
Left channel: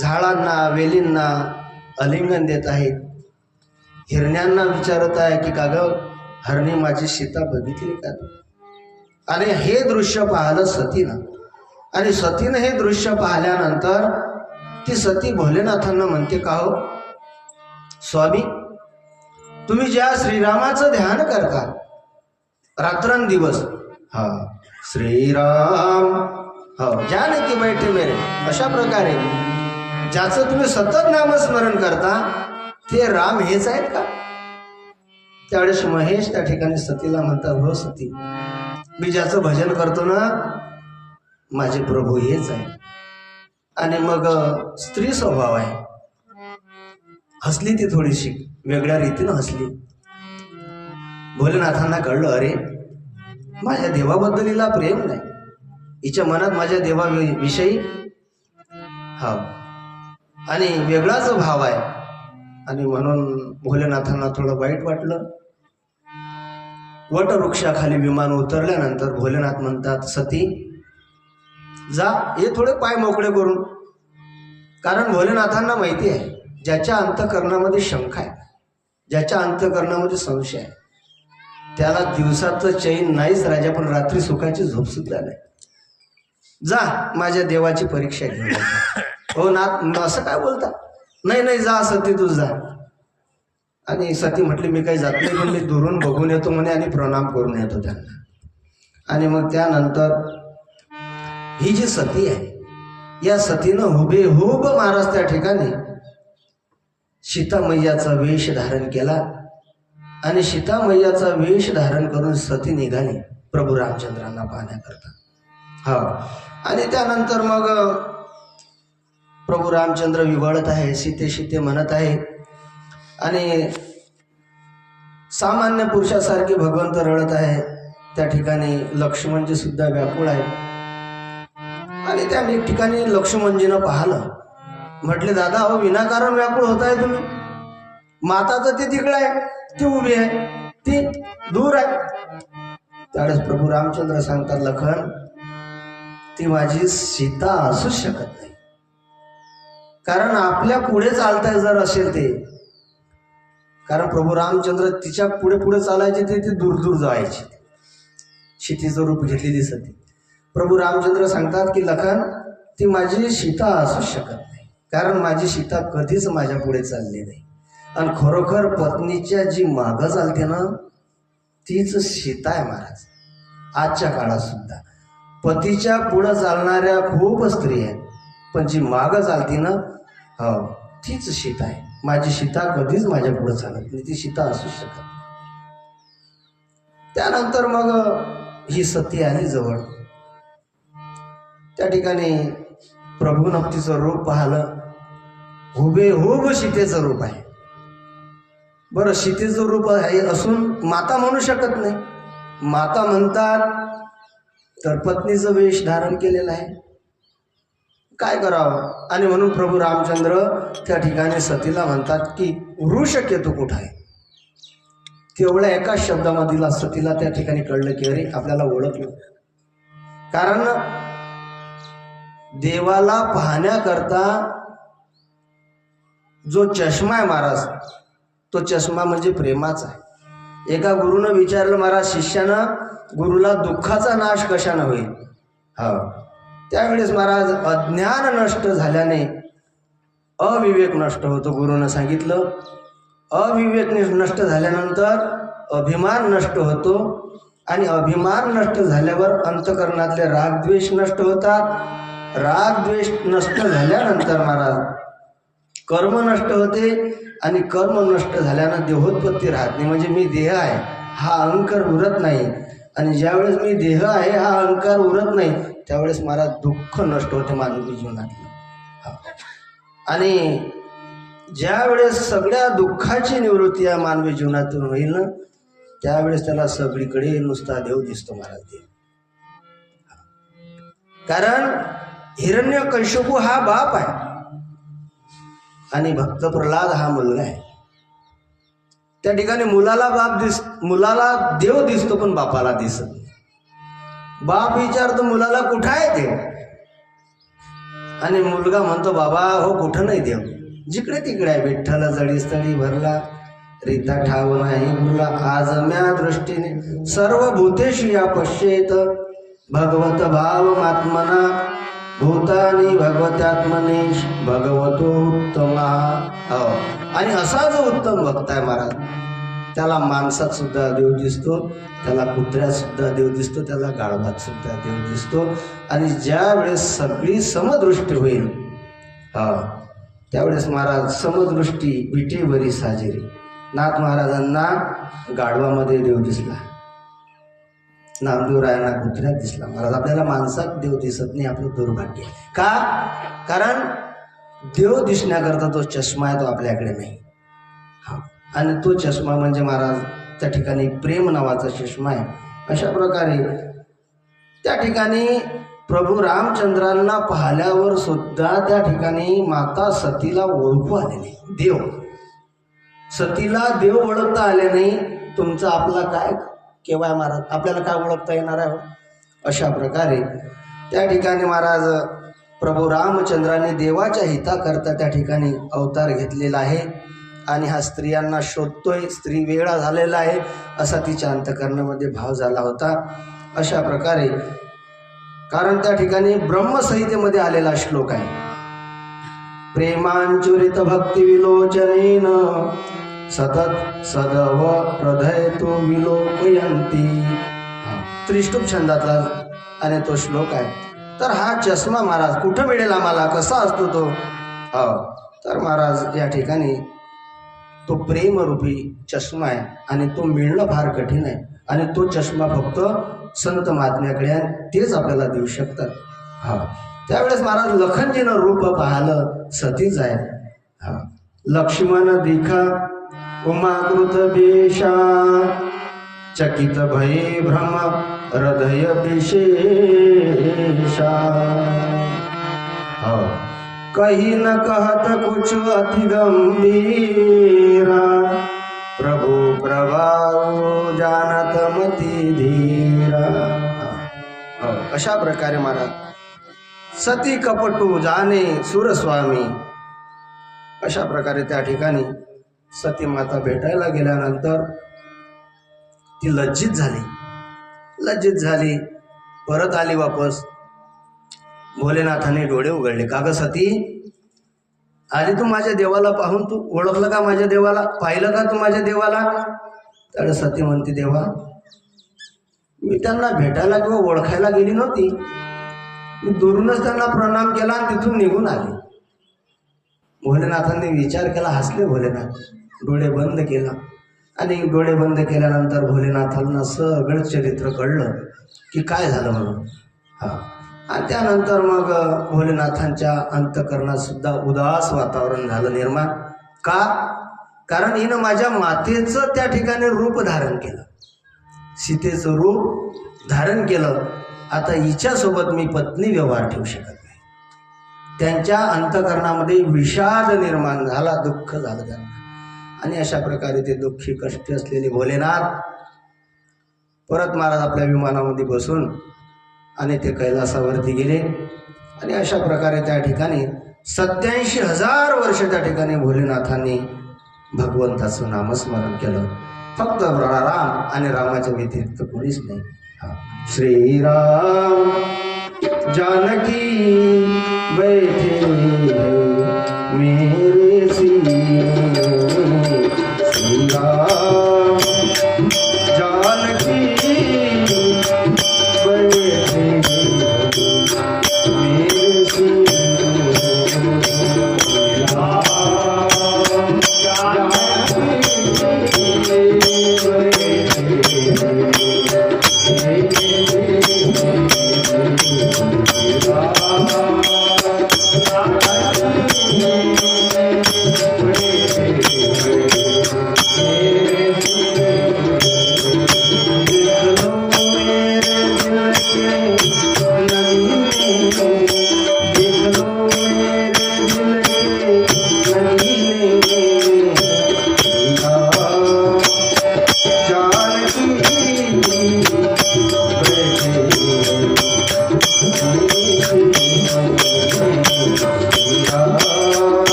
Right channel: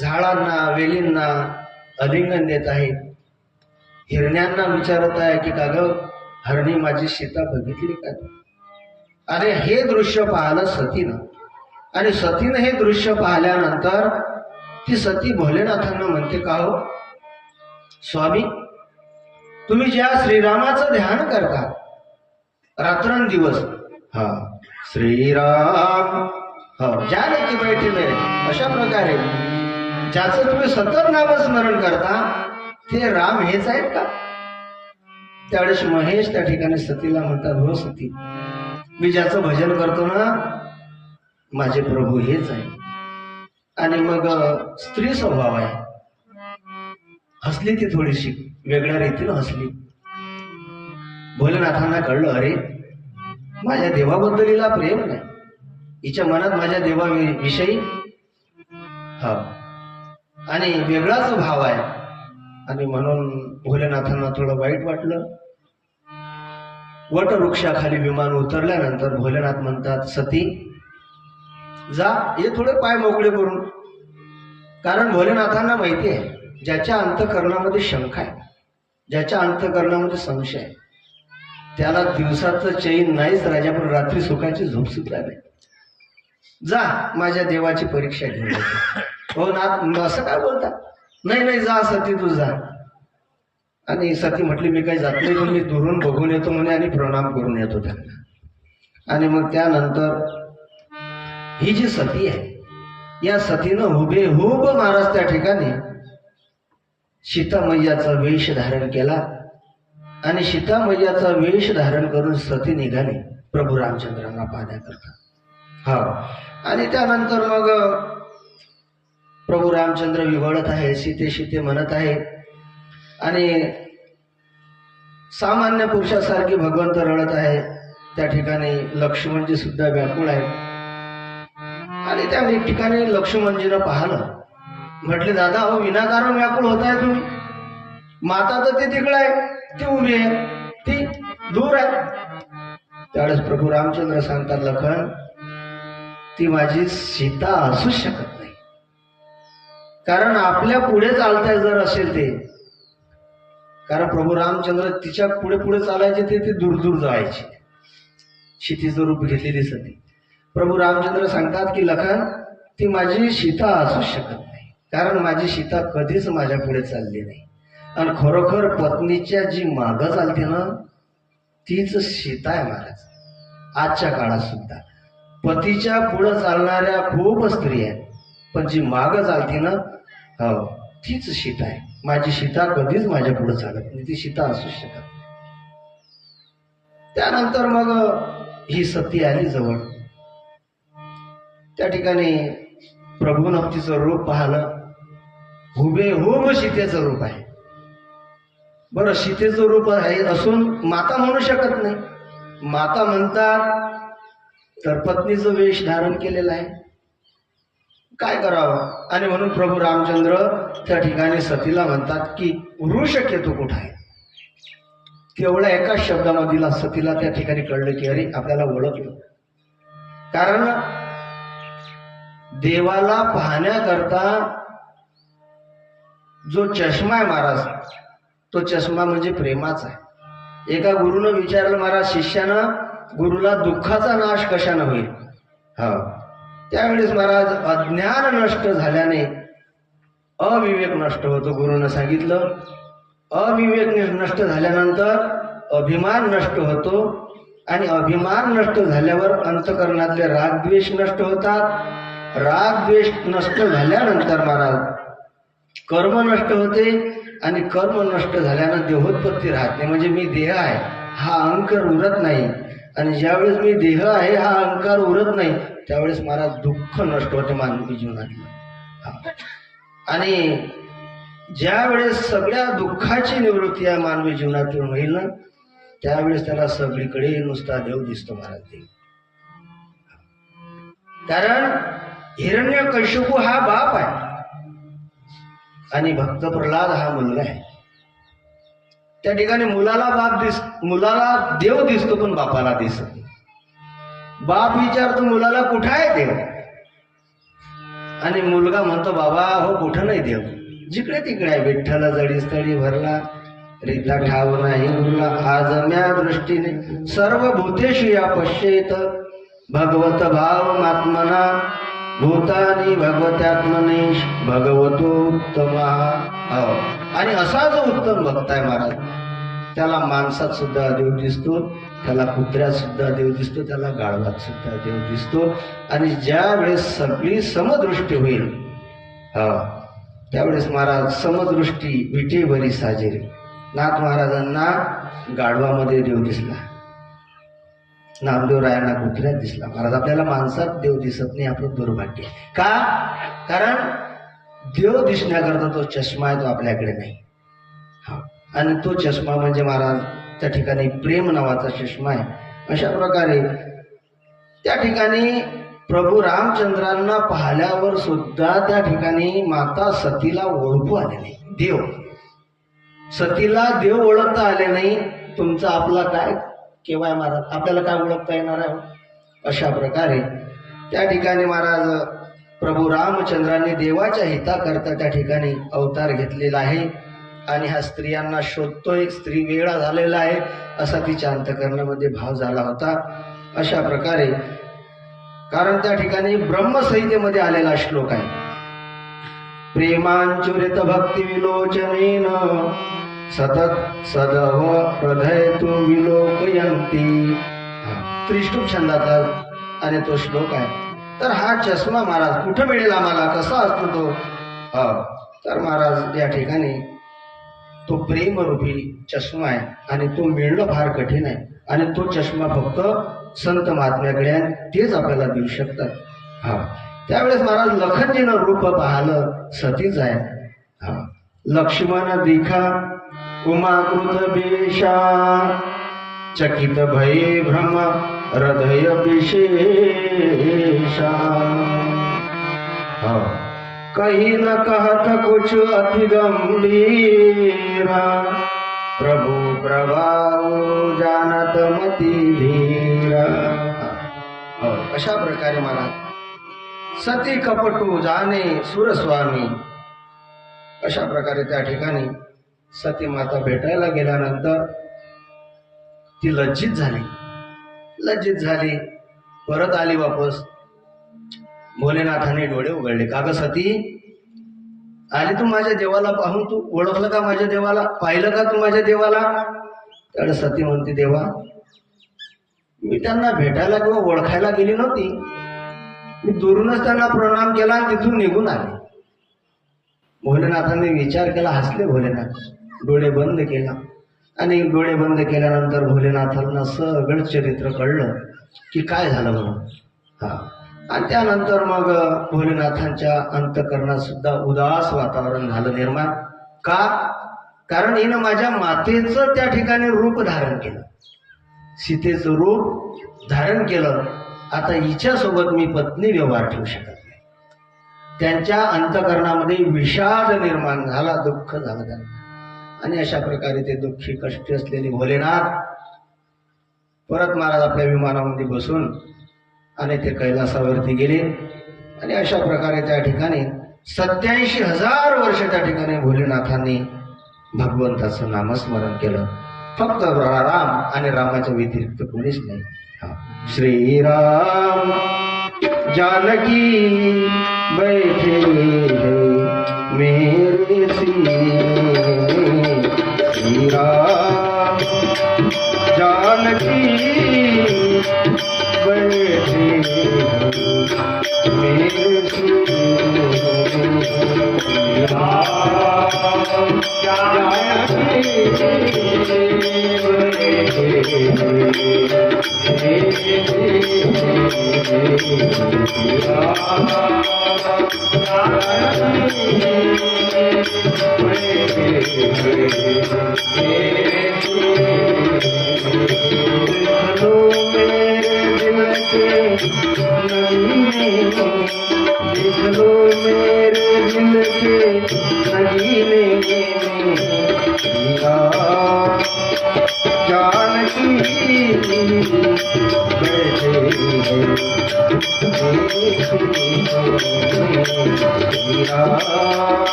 झाडांना वेलींना आलिंगन देत आहेत. हिरण्यांना विचारत आहे की का ग हरणी माझी सीता बघितली का. आणि हे दृश्य पाहिलं सतीनं. आणि सतीनं हे दृश्य पाहिल्यानंतर ती सती भोलेनाथांना म्हणते का हो स्वामी, तुम्ही ज्या श्रीरामाचं ध्यान करता रात्रंदिवस, हा श्रीराम हो जाने की बैठे मेरे, अशा प्रकारे ज्याचं तुम्ही सतत नामस्मरण करता ते राम हेच आहेत का. त्यावेळेस महेश त्या ठिकाणी सतीला म्हणतात हो सती, मी ज्याचं भजन करतो ना माझे प्रभू हेच आहे. आणि मग स्त्री स्वभाव आहे. हसली ती थोडीशी वेगळ्या रीतीनं हसली. भोलेनाथांना कळलं अरे माझ्या देवाबद्दल हिला प्रेम नाही, हिच्या मनात माझ्या देवाविषयी हा आणि वेगळाच भाव आहे. आणि म्हणून भोलेनाथांना थोडं वाईट वाटलं. वटवृक्षाखाली विमान उतरल्यानंतर भोलेनाथ म्हणतात सती जा, हे थोडे पाय मोकळे करून. कारण भोलेनाथांना माहिती आहे ज्याच्या अंतःकरणामध्ये शंका आहे, ज्याच्या अंतःकरणामध्ये संशय आहे, त्याला दिवसाचं चैन नाहीच राजा, पण रात्री सुखाची झोप सुद्धा नाही. जा माझ्या देवाची परीक्षा घेऊन येतो. हो नाथ असं काय बोलता. नाही नाही जा सती तू जा. आणि सती म्हटली मी काही जात नाही, पण मी दुरून बघून येतो म्हणे आणि प्रणाम करून येतो त्यांना. आणि मग त्यानंतर ही जी सती आहे या सतीनं हुबेहूब महाराज त्या ठिकाणी सीता मैयाचा वेश धारण केला. आणि सीता मैयाचा वेश धारण करून सती निघाली प्रभू रामचंद्रांना पाहण्याकरता. हा, आणि त्यानंतर मग प्रभू रामचंद्र विव्हळत आहे, सीते सीते म्हणत आहे. आणि सामान्य पुरुषासारखे भगवंत रडत आहे. त्या ठिकाणी लक्ष्मणजी सुद्धा व्याकुळ आहे. आणि त्या ठिकाणी लक्ष्मणजीनं पाहिलं म्हटले दादा हो विनाकारण व्याकुळ होताय तुम्ही, माता तर ती तिकडे आहे, ती उभी आहे, ती दूर आहे. त्यावेळेस प्रभू रामचंद्र सांगतात लखन ती माझी सीता असू शकत नाही, कारण आपल्या पुढे चालताय जर असेल ते, कारण प्रभू रामचंद्र तिच्या पुढे पुढे चालायचे ते दूर दूर जायचे, सीतेचं रूप घेतलेली सती. प्रभू रामचंद्र सांगतात की लखन ती माझी सीता असू शकत नाही, कारण माझी सीता कधीच माझ्या पुढे चालली नाही. आणि खरोखर पत्नीच्या जी मागं चालते ना तीच सीता आहे महाराज. आजच्या काळात सुद्धा पतीच्या पुढं चालणाऱ्या खूप स्त्रिया आहेत, पण जी मागं चालती ना हो तीच सीता आहे. माझी सीता कधीच माझ्या पुढे चालत नाही, ती सीता असू शकत नाही. त्यानंतर मग ही सती आली जवळ. त्या ठिकाणी प्रभूनं तिचं रूप पाहिलं, हुबेहूब सीतेचं रूप आहे. बरं सीतेचं रूप आहे असून माता म्हणू शकत नाही, माता म्हणतात तर पत्नीचं वेश धारण केलेलं आहे, काय करावं. आणि म्हणून प्रभू रामचंद्र त्या ठिकाणी सतीला म्हणतात की वृषकेतू कुठं आहे. तेवढ्या एका शब्दामधील सतीला त्या ठिकाणी कळलं की अरे आपल्याला ओळखलं. कारण देवाला पाहण्याकरता जो चष्मा आहे महाराज, तो चष्मा म्हणजे प्रेमाचा आहे. एका गुरुनं विचारलं महाराज शिष्यानं गुरुला दुःखाचा नाश कशानं होईल. हा त्यावेळेस महाराज अज्ञान नष्ट झाल्याने अविवेक नष्ट होतो. गुरुनं सांगितलं अविवेक नष्ट झाल्यानंतर अभिमान नष्ट होतो, आणि अभिमान नष्ट झाल्यावर अंतकरणातले रागद्वेष नष्ट होतात. रागद्वेष नष्ट झाल्यानंतर महाराज कर्म नष्ट होते, आणि कर्म नष्ट झाल्यानं देहोत्पत्ती राहत नाही. म्हणजे मी देह आहे हा अहंकार उरत नाही, आणि ज्यावेळेस मी देह आहे हा अहंकार उरत नाही त्यावेळेस मला दुःख नष्ट होते मानवी जीवनातलं. आणि ज्या वेळेस सगळ्या दुःखाची निवृत्ती या मानवी जीवनातून होईल ना त्यावेळेस त्याला सगळीकडे नुसता देव दिसतो महाराज. देव कारण हिरण्यकश्यपू हा बाप आहे आणि भक्त प्रल्हाद हा मुलगा आहे. त्या ठिकाणी मुलाला देव दिसतो पण बापाला दिसत नाही. बाप विचारतो मुलाला कुठं आहे देव, आणि मुलगा म्हणतो बाबा हो कुठं नाही देव, जिकडे तिकडे आहे. विठ्ठल जडी स्थळी भरला रीता ठाव नाही मुला, आज म्या दृष्टीने सर्व भूतेषु या पश्येत भगवत भाव आत्मना भूतानी भगवत्यात्मनेश भगवतोत्तमा. आणि असा जो उत्तम भक्त आहे महाराज त्याला माणसात सुद्धा देव दिसतो, त्याला कुत्र्यात सुद्धा देव दिसतो, त्याला गाढवात सुद्धा देव दिसतो. आणि ज्या वेळेस सगळी समदृष्टी होईल त्यावेळेस महाराज समदृष्टी विटेवरी साजेरी. नाथ महाराजांना गाढवामध्ये देव दिसला, नामदेवरायांना कुत्र्यात दिसला. महाराज आपल्याला माणसात देव दिसत नाही, आपलं दुर्भाग्य. का? कारण देव दिसण्याकरता तो चष्मा आहे तो आपल्याकडे नाही. आणि तो चष्मा म्हणजे महाराज त्या ठिकाणी प्रेम नावाचा चष्मा आहे. अशा प्रकारे त्या ठिकाणी प्रभू रामचंद्रांना पाहिल्यावर सुद्धा त्या ठिकाणी माता सतीला ओळखू आले नाही. देव सतीला देव ओळखता आले नाही. तुमचा आपला काय केव्हा महाराज आपल्याला काय ओळखता येणार आहे. अशा प्रकारे त्या ठिकाणी महाराज प्रभू रामचंद्रांनी देवाच्या हिताकरता त्या ठिकाणी अवतार घेतलेला आहे. आणि ह्या स्त्रियांना शोधतोय, स्त्री वेळा झालेला आहे असा तिच्या अंतकरणामध्ये भाव झाला होता. अशा प्रकारे कारण त्या ठिकाणी ब्रह्मसंहितेमध्ये आलेला श्लोक आहे, प्रेमांचुरित भक्ती विलोचनेन सतत सदव हृदय तो विलोकयंती. त्रिष्टुप छंदातला आणि तो श्लोक आहे. तर हा चष्मा महाराज कुठं मिळेल आम्हाला, कसा असतो तो. तर महाराज या ठिकाणी तो प्रेमरूपी चष्मा आहे आणि तो मिळणं फार कठीण आहे. आणि तो चष्मा फक्त संत महात्म्याकडे आहे, तेच आपल्याला देऊ शकतात. त्यावेळेस महाराज लखनजीनं रूप पाहिलं सतीच आहे. लक्ष्मण दिखा उमाकृत बेशा चकित भये भ्रम हृदय विशेषा. कही न कहत कुछ अति गंभीरा, प्रभु प्रभाव जानत मती धीरा. अशा प्रकारे महाराज सती कपटू जाणे सुरस्वामी. अशा प्रकारे त्या ठिकाणी सती माता भेटायला गेल्यानंतर ती लज्जित झाली, परत आली वापस. भोलेनाथाने डोळे उघडले. का ग सती, आली तू माझ्या देवाला पाहून? तू ओळखलं का माझ्या देवाला? पाहिलं का तू माझ्या देवाला? तर सती म्हणते, देवा मी त्यांना भेटायला किंवा ओळखायला गेली नव्हती, मी दुरूनच त्यांना प्रणाम केला आणि तिथून निघून आले. भोलेनाथांनी विचार केला, हसले भोलेनाथ, डोळे बंद केला. आणि डोळे बंद केल्यानंतर भोलेनाथांना सगळं चरित्र कळलं की काय झालं म्हणून. आणि त्यानंतर मग भोलेनाथांच्या अंतःकरणात सुद्धा उदास वातावरण झालं निर्माण. का? कारण हिनं माझ्या मातेचं त्या ठिकाणी रूप धारण केलं, सीतेचं रूप धारण केलं. आता हिच्यासोबत मी पत्नी व्यवहार ठेवू शकत नाही. त्यांच्या अंतःकरणामध्ये विषाद निर्माण झाला, दुःख झालं त्यांना. आणि अशा प्रकारे ते दुःखी कष्टी असलेले भोलेनाथ परत महाराज आपल्या विमानामध्ये बसून आणि ते कैलासावरती गेले. आणि अशा प्रकारे त्या ठिकाणी 87,000 वर्ष त्या ठिकाणी भोलेनाथांनी भगवंताचं नामस्मरण केलं. फक्त राम आणि रामाच्या व्यतिरिक्त कोणीच नाही. श्रीराम जानकी बैठे हैं मेरे सीने, श्रीराम जानकी बैठे मेरे सीने,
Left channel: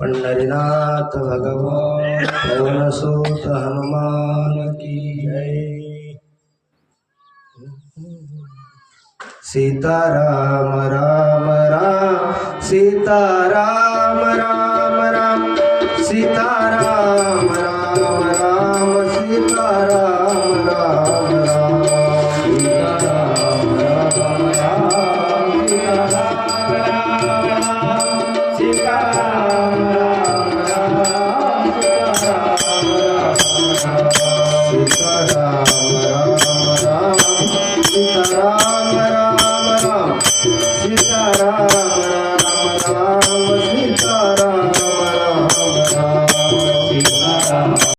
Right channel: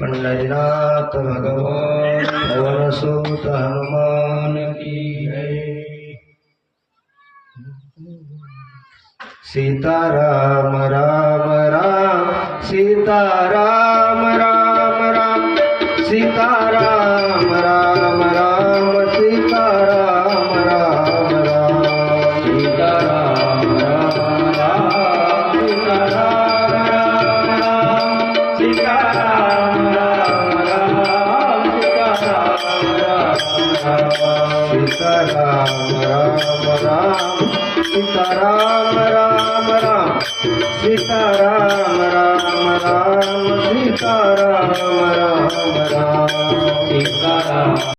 पंढरीनाथ भगवान पवन सुत हनुमान की जय. सीताराम राम राम सीताराम राम राम सीताराम राम राम सीताराम राम राम सीताराम राम राम सीताराम सीताराम राम राम सीताराम